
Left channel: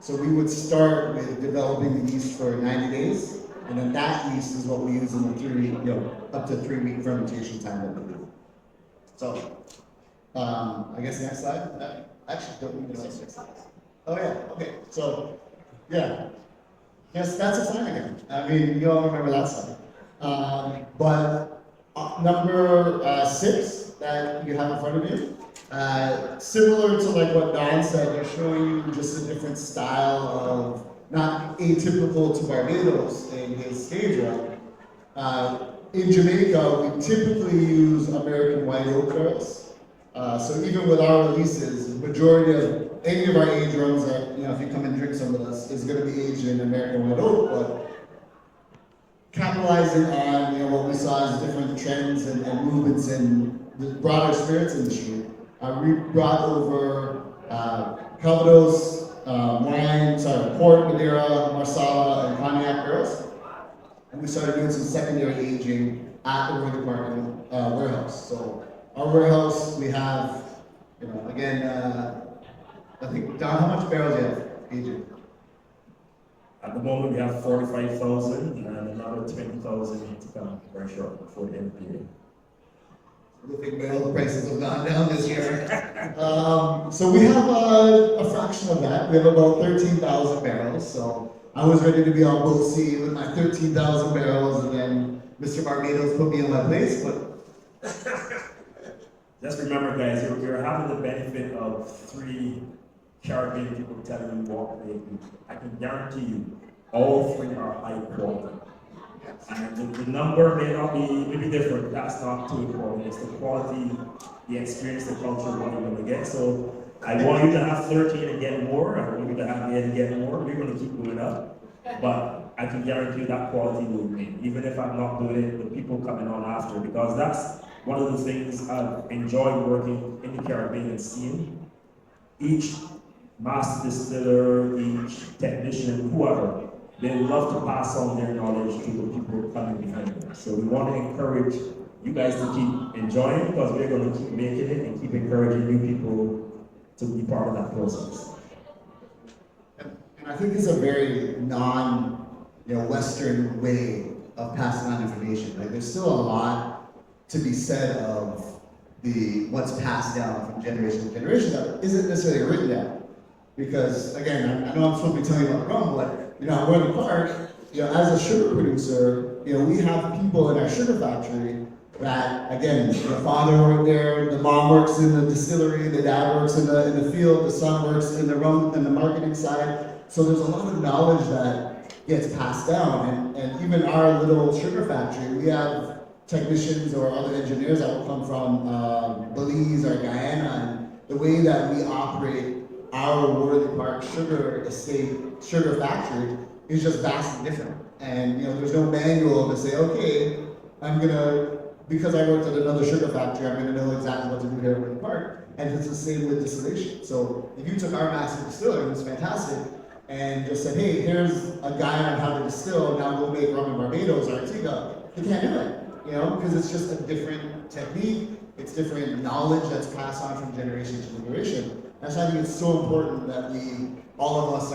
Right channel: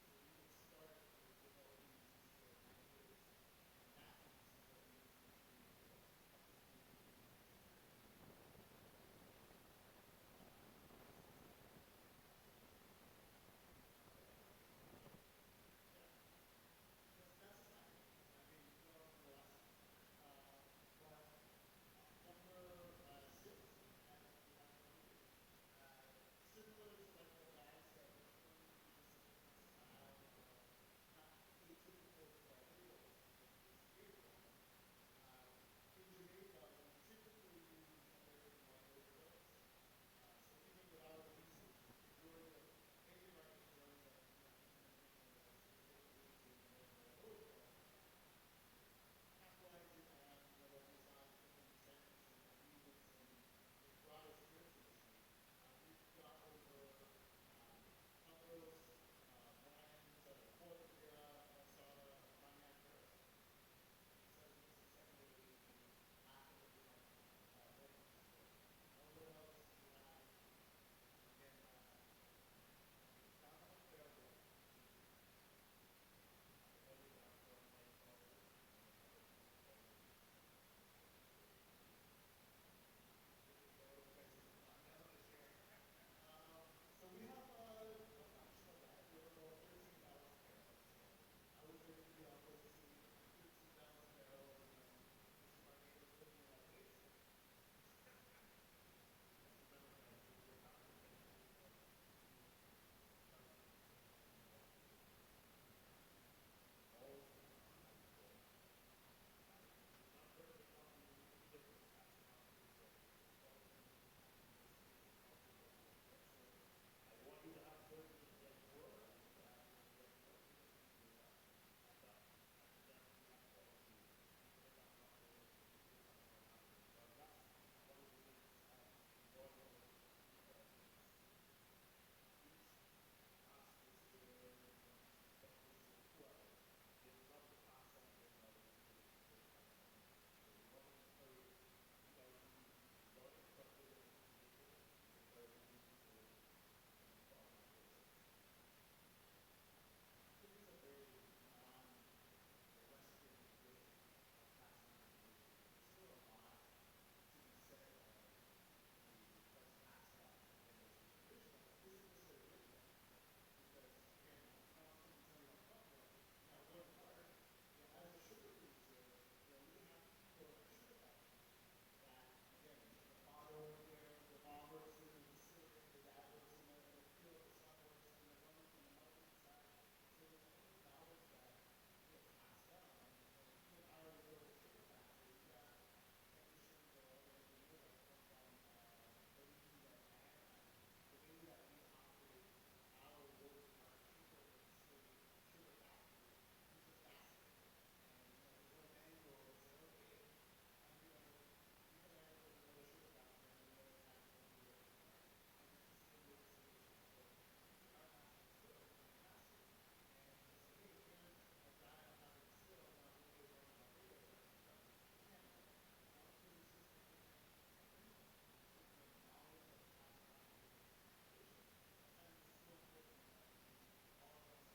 So we would start with developing the yeast for 90 days, and then that yeast is what we use in the 3-week, up to 3-week fermentation time that we do. So, I guess next slide. Actually, don't we do next slide? Oh yeah, okay. So, yeah. Yes, that's a sign again. I mean, you all remember that slide. But number 6 that you have in front of you, similar to like what Don said, they're showing you just a different style of, not atypical to Barbados in his stage run. In Jamaica, we typically use American white oak barrels. So even with our releases, the majority of any of our age rums that, if you come and drink some with us, is going to be aged in American white oak, but capitalizing on what we saw as different trends and movements in the broader spirits industry, we brought over Calvados, port, Madeira, Marsala, and Cognac barrels, and we started doing some secondary aging at the War Department warehouse. So our warehouse, we have, again, I think, Don, how much barrels do you have aging? At the moment, we have 45,000 and another 20,000 to come very short before the end of the year. Roofing barrel prices have gone down this year. So we have a fraction of that. We have about 13,000 barrels. So I was ready to be on boat sea with my 13,000 barrels, and then Mr. Barbados put me in my place. But just remember, guys, you're having the benefit of 3 Caribbean people telling you what they do. I can guarantee you, All three are high quality. And the number may not be, maybe different, that's not too important. It's the quality, the experience, the culture, what you're gonna get. So I want you to have 13 and get more. I want you to have 8 and get more. We're gonna keep going up. But I can guarantee you that quality will remain. Even if I'm not doing it, the people coming on after, because that's one of the things I've enjoyed working in the Caribbean and seeing. Each master distiller, each technician, whoever, they love to pass on their knowledge to the people coming behind them. So we want to encourage you guys to keep enjoying, because we're going to keep making it and keep encouraging new people to be part of that process. And I think it's a very Western way of passing on information. Like there's still a lot to be said of what's passed down from generation to generation that isn't necessarily written down. Because again, I know I'm supposed to be telling you about rum, but I'm going to Park, as a sugar producer, we have people in our sugar factory that, again, the father worked there, the mom works in the distillery, the dad works in the field, the son works in the rum and the marketing side. So there's a lot of knowledge that gets passed down. And even our little sugar factory, we have technicians or other engineers that will come from Belize or Guyana, and the way that we operate our Worthy Park sugar estate, sugar factory is just vastly different. And there's no manual to say, okay, because I worked at another sugar factory, I'm gonna know exactly what to do here at Worthy Park. And it's the same with distillation. So if you took our master distiller, it was fantastic, and just said, hey, here's a guide on how to distill, now go make rum in Barbados or Antigua, you can't do it, because it's just a different technique, it's different knowledge that's passed on from generation to generation. And so I think it's so important that all of us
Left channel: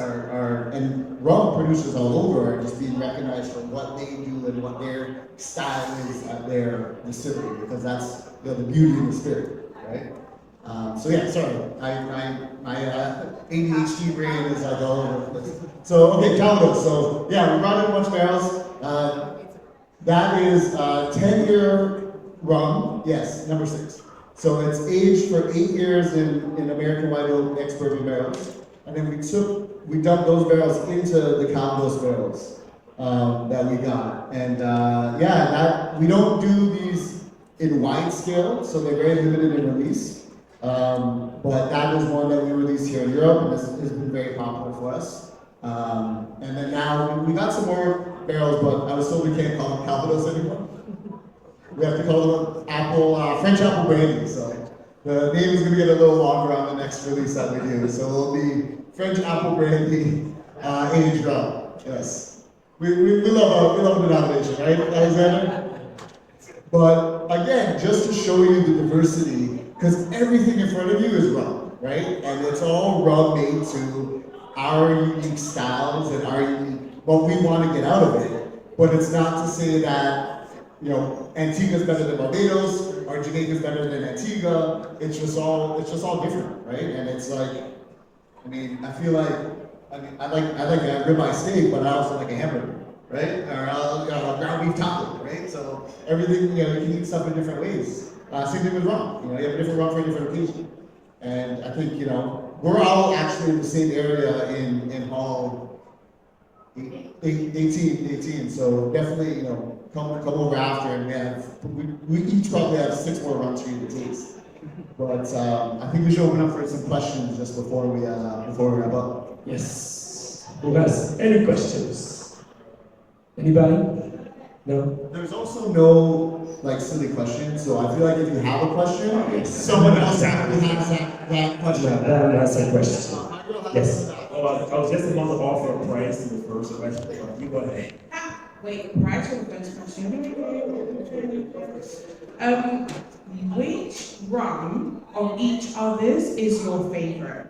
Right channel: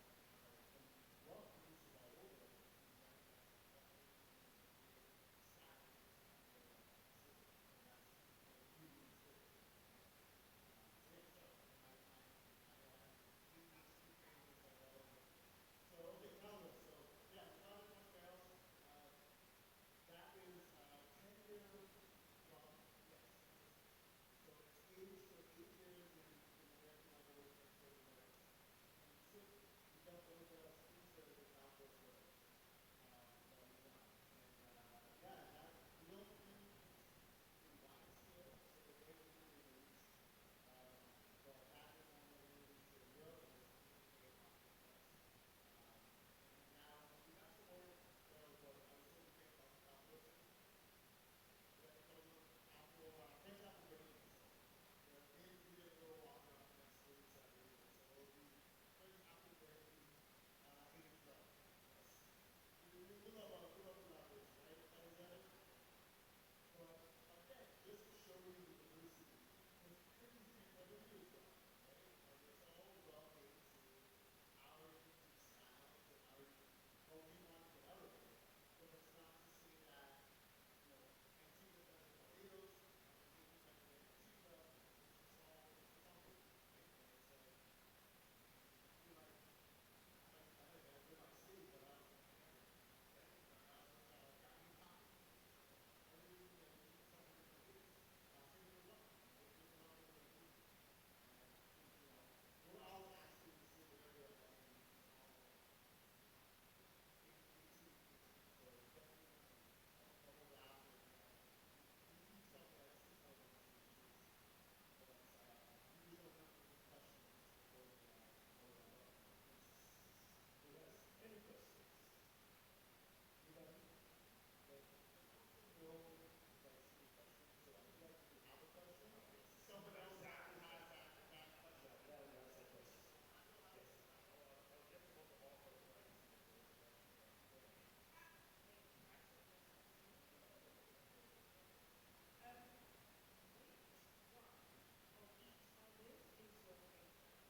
and rum producers all over are just being recognized for what they do and what their style is at their distillery, because that's the beauty and the spirit, right? Sorry, my ADHD brain is like all over the place. So, okay, Calvados. So, we brought in a bunch of barrels. That is 10-year rum. Yes, number 6. So it's aged for 8 years in American White Oak ex-bourbon barrels, and then we dumped those barrels into the Calvados barrels that we got. And we don't do these in wide scale, so they're very limited in release. But that is one that we released here in Europe, and this has been very popular for us. And then now we got some more barrels, but I was told we can't call them Calvados anymore. We have to call them French apple brandy. So the name is going to get a little longer on the next release that we do. So it'll be French apple brandy aged rum. Yes, we love a denomination, right, Alexander? But again, just to show you the diversity, because everything in front of you is rum, right? And it's all rum made to our unique styles and our unique what we want to get out of it. But it's not to say that Antigua's better than Barbados, or Jamaica's better than Antigua. It's just all different, right? And it's like, I feel like, I like a ribeye steak, but I also like a hamburger, right? Or a ground beef taco, right? So everything, you can eat stuff in different ways. Same thing with rum. You have a different rum for a different occasion. And I think, we're all actually in the same area in Hall 18. So definitely, come over after, and we each probably have 6 more rums for you to taste. But I think we should open up for some questions just before we wrap up. Yes. Who has any questions? Anybody? No? There's also no silly questions, so I feel like if you have a question, someone else actually has that question. That has a question. Yes. Well, I was just about to offer a prize to the first question, but you go ahead. Wait, prior to the first question. Which rum of each other's is your favorite?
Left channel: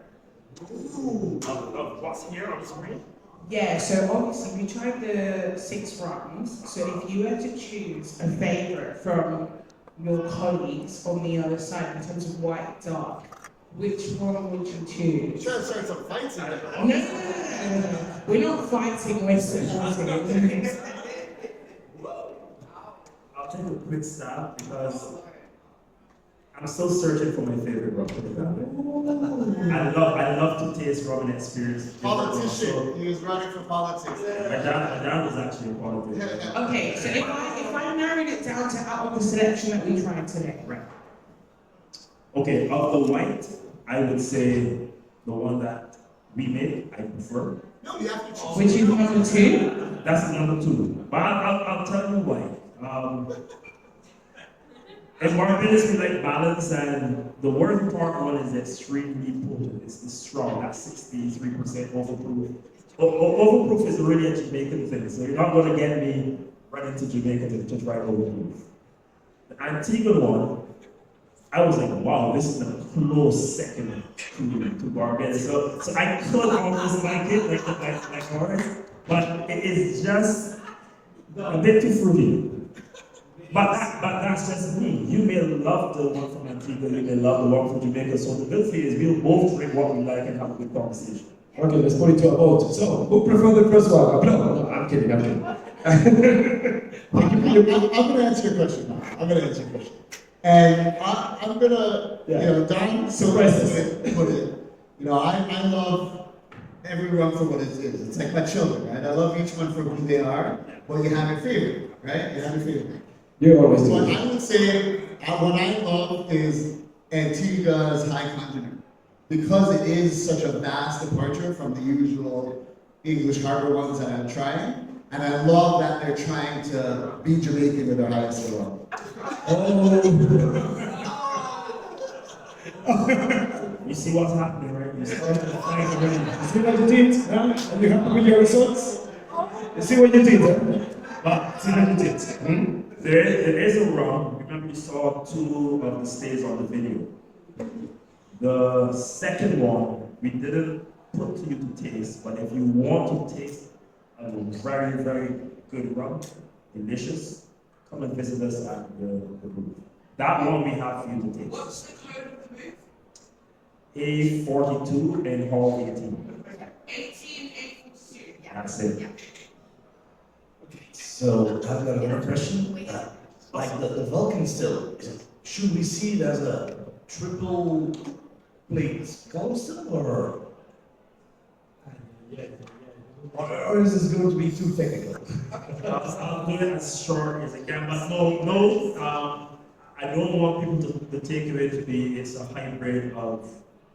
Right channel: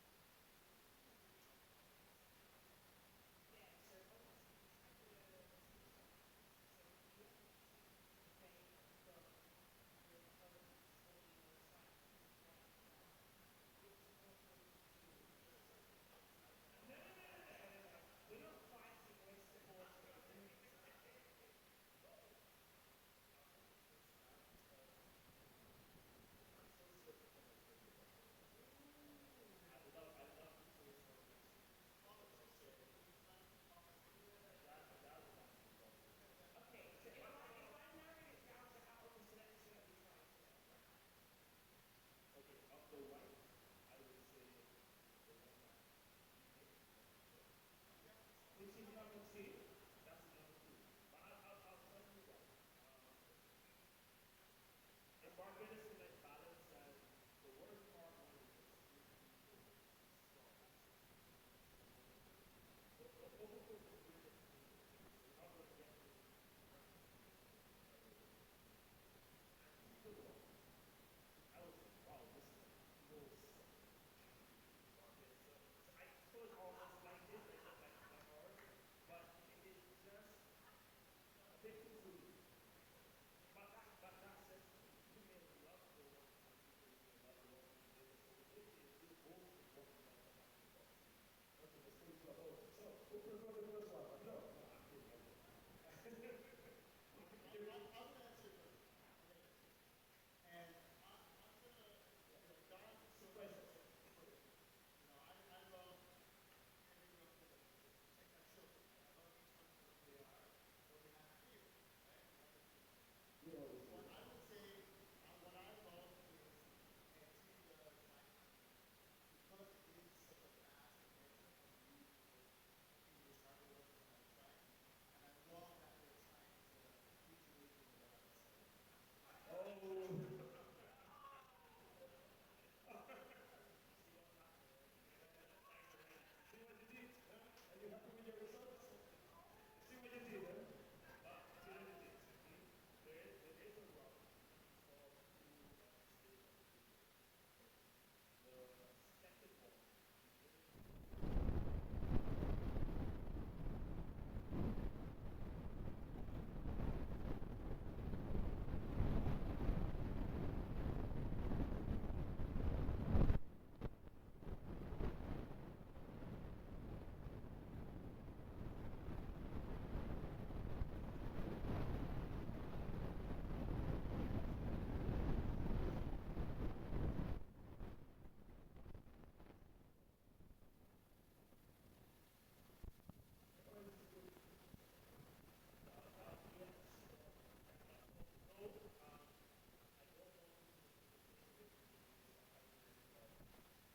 Ooh, of what's here on the screen? Yeah, so obviously we tried the 6 rums. So if you were to choose a favorite from your colleagues on the other side in terms of white, dark, which one would you choose? Sure, start some fights in there. No. We're not fighting, we're supporting. I'll take a quick stab because I'm still searching for my favorite rum. I love to taste birthplace rubbing experience. Politician, he was running for politics. My dad was actually a politician. Okay, so if I narrowed it down to out of the selection that we tried today, Right. Okay, of the white, I would say the one that we made, I prefer. No, you have to choose. which is number 2. That's number 2. But I'll tell you why. In Barbados, we like balance, and the working part one is extremely potent. It's strong. That's 63% overproof. Overproof is really a Jamaican thing, so you're not going to get me running to Jamaica to try overproof. The Antigua one, I was like, wow, this is a close second to Barbados. So I could almost like it, like ours, but it is just a bit too fruity. But that's just me. You may love the one from Antigua, you may love the one from Jamaica. So the good thing is we'll both drink what we like and have a good conversation. Okay, let's put it to a vote. So, who prefer the first one? No, I'm kidding. I'm going to answer your question now. I'm going to answer your question. And I'm going to, Don Surprises. put it, I love every rum for what it is. It's like my children, right? I love each one for who they are, but you have your favorite, right? You have your favorite. You always do. What I would say, what I love is Antigua's High Continent. Because it is such a vast departure from the usual English harbor ones that I'm trying, and I love that they're trying to be Jamaican with their highest rum. You see what's happening, right? You start to fight already. You see what you did? Huh? Are you happy with your results? You see what you did? Huh? But see what you did. There is a rum. Remember, you saw 2 of the stays on the video. The second one, we didn't put to you to taste, but if you want to taste a very, very good rum, delicious, come and visit us at the booth. That one we have for you to taste. What's the code of the booth? A42 and Hall 18. 18, 842. That's it. So, I've got another question. Like the Vulcan still, should we see it as a triple plate column still, or is this going to be too technical? I'll do it as short as I can, but no, I don't want people to take it to be it's a hybrid of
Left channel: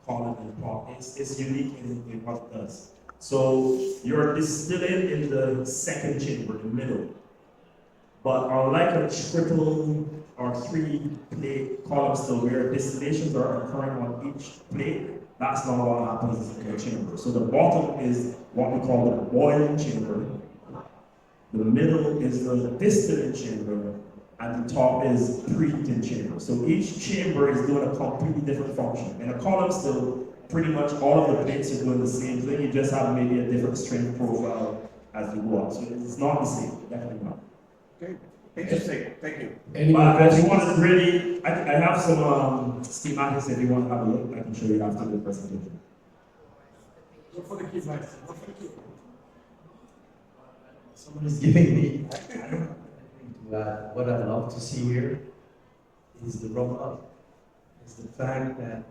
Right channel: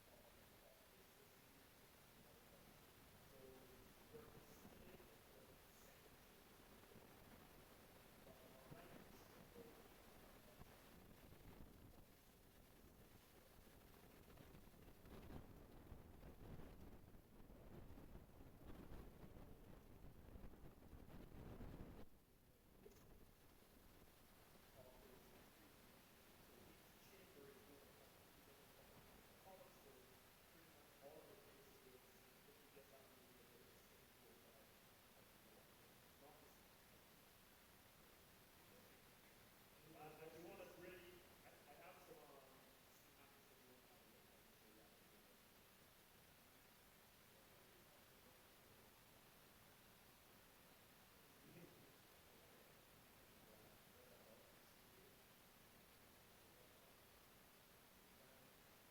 column and pop. It's unique in what it does. So you're distilling in the second chamber, the middle. But unlike a triple or 3 plate column still where distillations are occurring on each plate, that's not what happens in the chamber. So the bottom is what we call the boiling chamber. The middle is the distilling chamber, and the top is preheating chamber. So each chamber is doing a completely different function. In a column still, pretty much all of the plates are doing the same thing. You just have maybe a different strength profile as you go up. So it's not the same, definitely not. Okay, interesting. Thank you. Any But more if you questions? want to really, I have some schematics if you want to have a look. I can show you after the presentation. Look for the key, guys. Look for the key. Someone is giving me. I don't have anything to add. What I love to see here is the rum up. Is the fact that,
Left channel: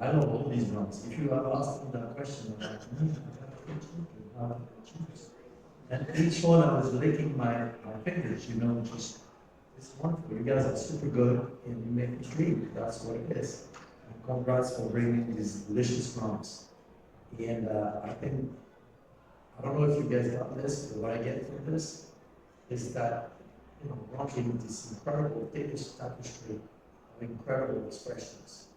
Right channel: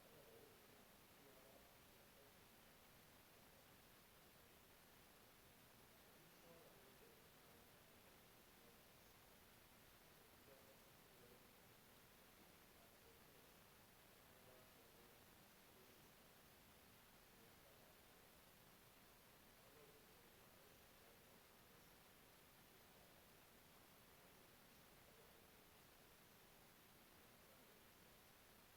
I love all these rums. If you have asked me that question, I'm like, and each one I was licking my fingers, just it's wonderful. You guys are super good and you make me dream. That's what it is. And congrats for bringing these delicious rums. And I don't know if you guys got this, but what I get from this is that, rum giving this incredible Danish tapestry of incredible expressions.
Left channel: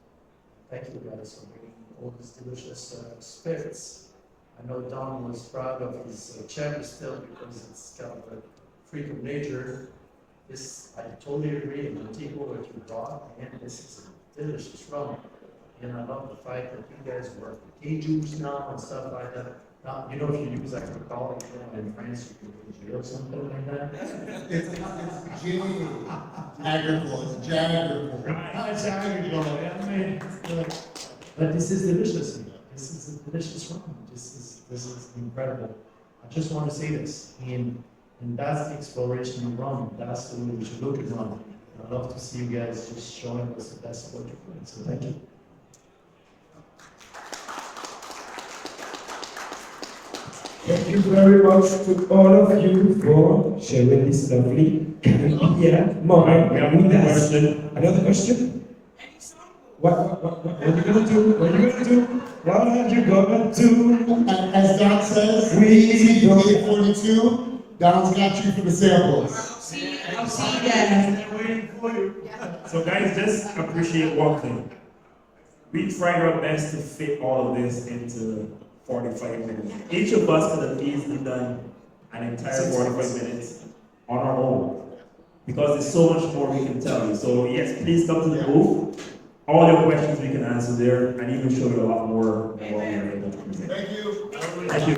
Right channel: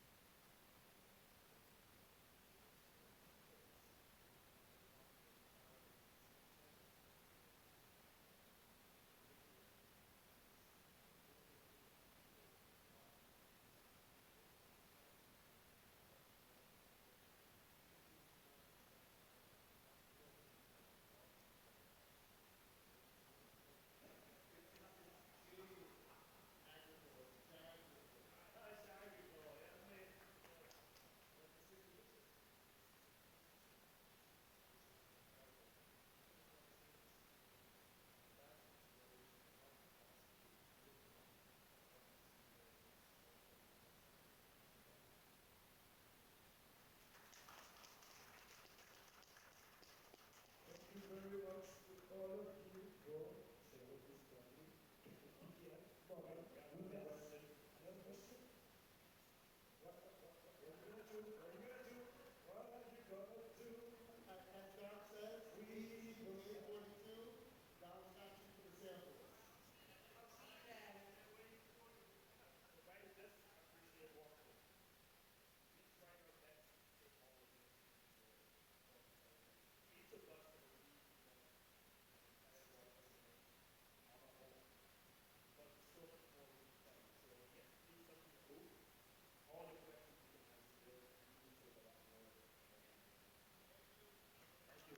Thank you guys for bringing all these delicious spirits. I know Don was proud of his cherry still because it's kind of a freak of nature. I totally agree. In Antigua, what you brought, and this is a delicious rum. And I love the fact that you guys work with juice now and stuff like that. Now, if you use like a collar in France, you can go to jail or something like that. It's gin, agricole, it's jaggable. It's agricole, yeah, but this is delicious. This is a delicious rum. This is incredible. I just want to say this, and that's the exploration of rum. That's the way we should look at rum. I'd love to see you guys just showing us the best of what you're doing. So thank you. Thank you very much to all of you for sharing this lovely Caribbean moment We have with one us. question. Another question? What are you gonna do? What are you gonna do? What are you gonna do? And as Don says, We don't- CJ 42, Don's got you for the samples. I'll see you guys. They're waiting for you. So guys, just appreciate one thing. We tried our best to fit all of this into 45 minutes. Each of us could have easily done an entire 45 minutes on our own. Because there's so much more we can tell you. So yes, please come to the booth. All your questions we can answer there and even show you a lot more than what we are able to present. Thank you. Thank you.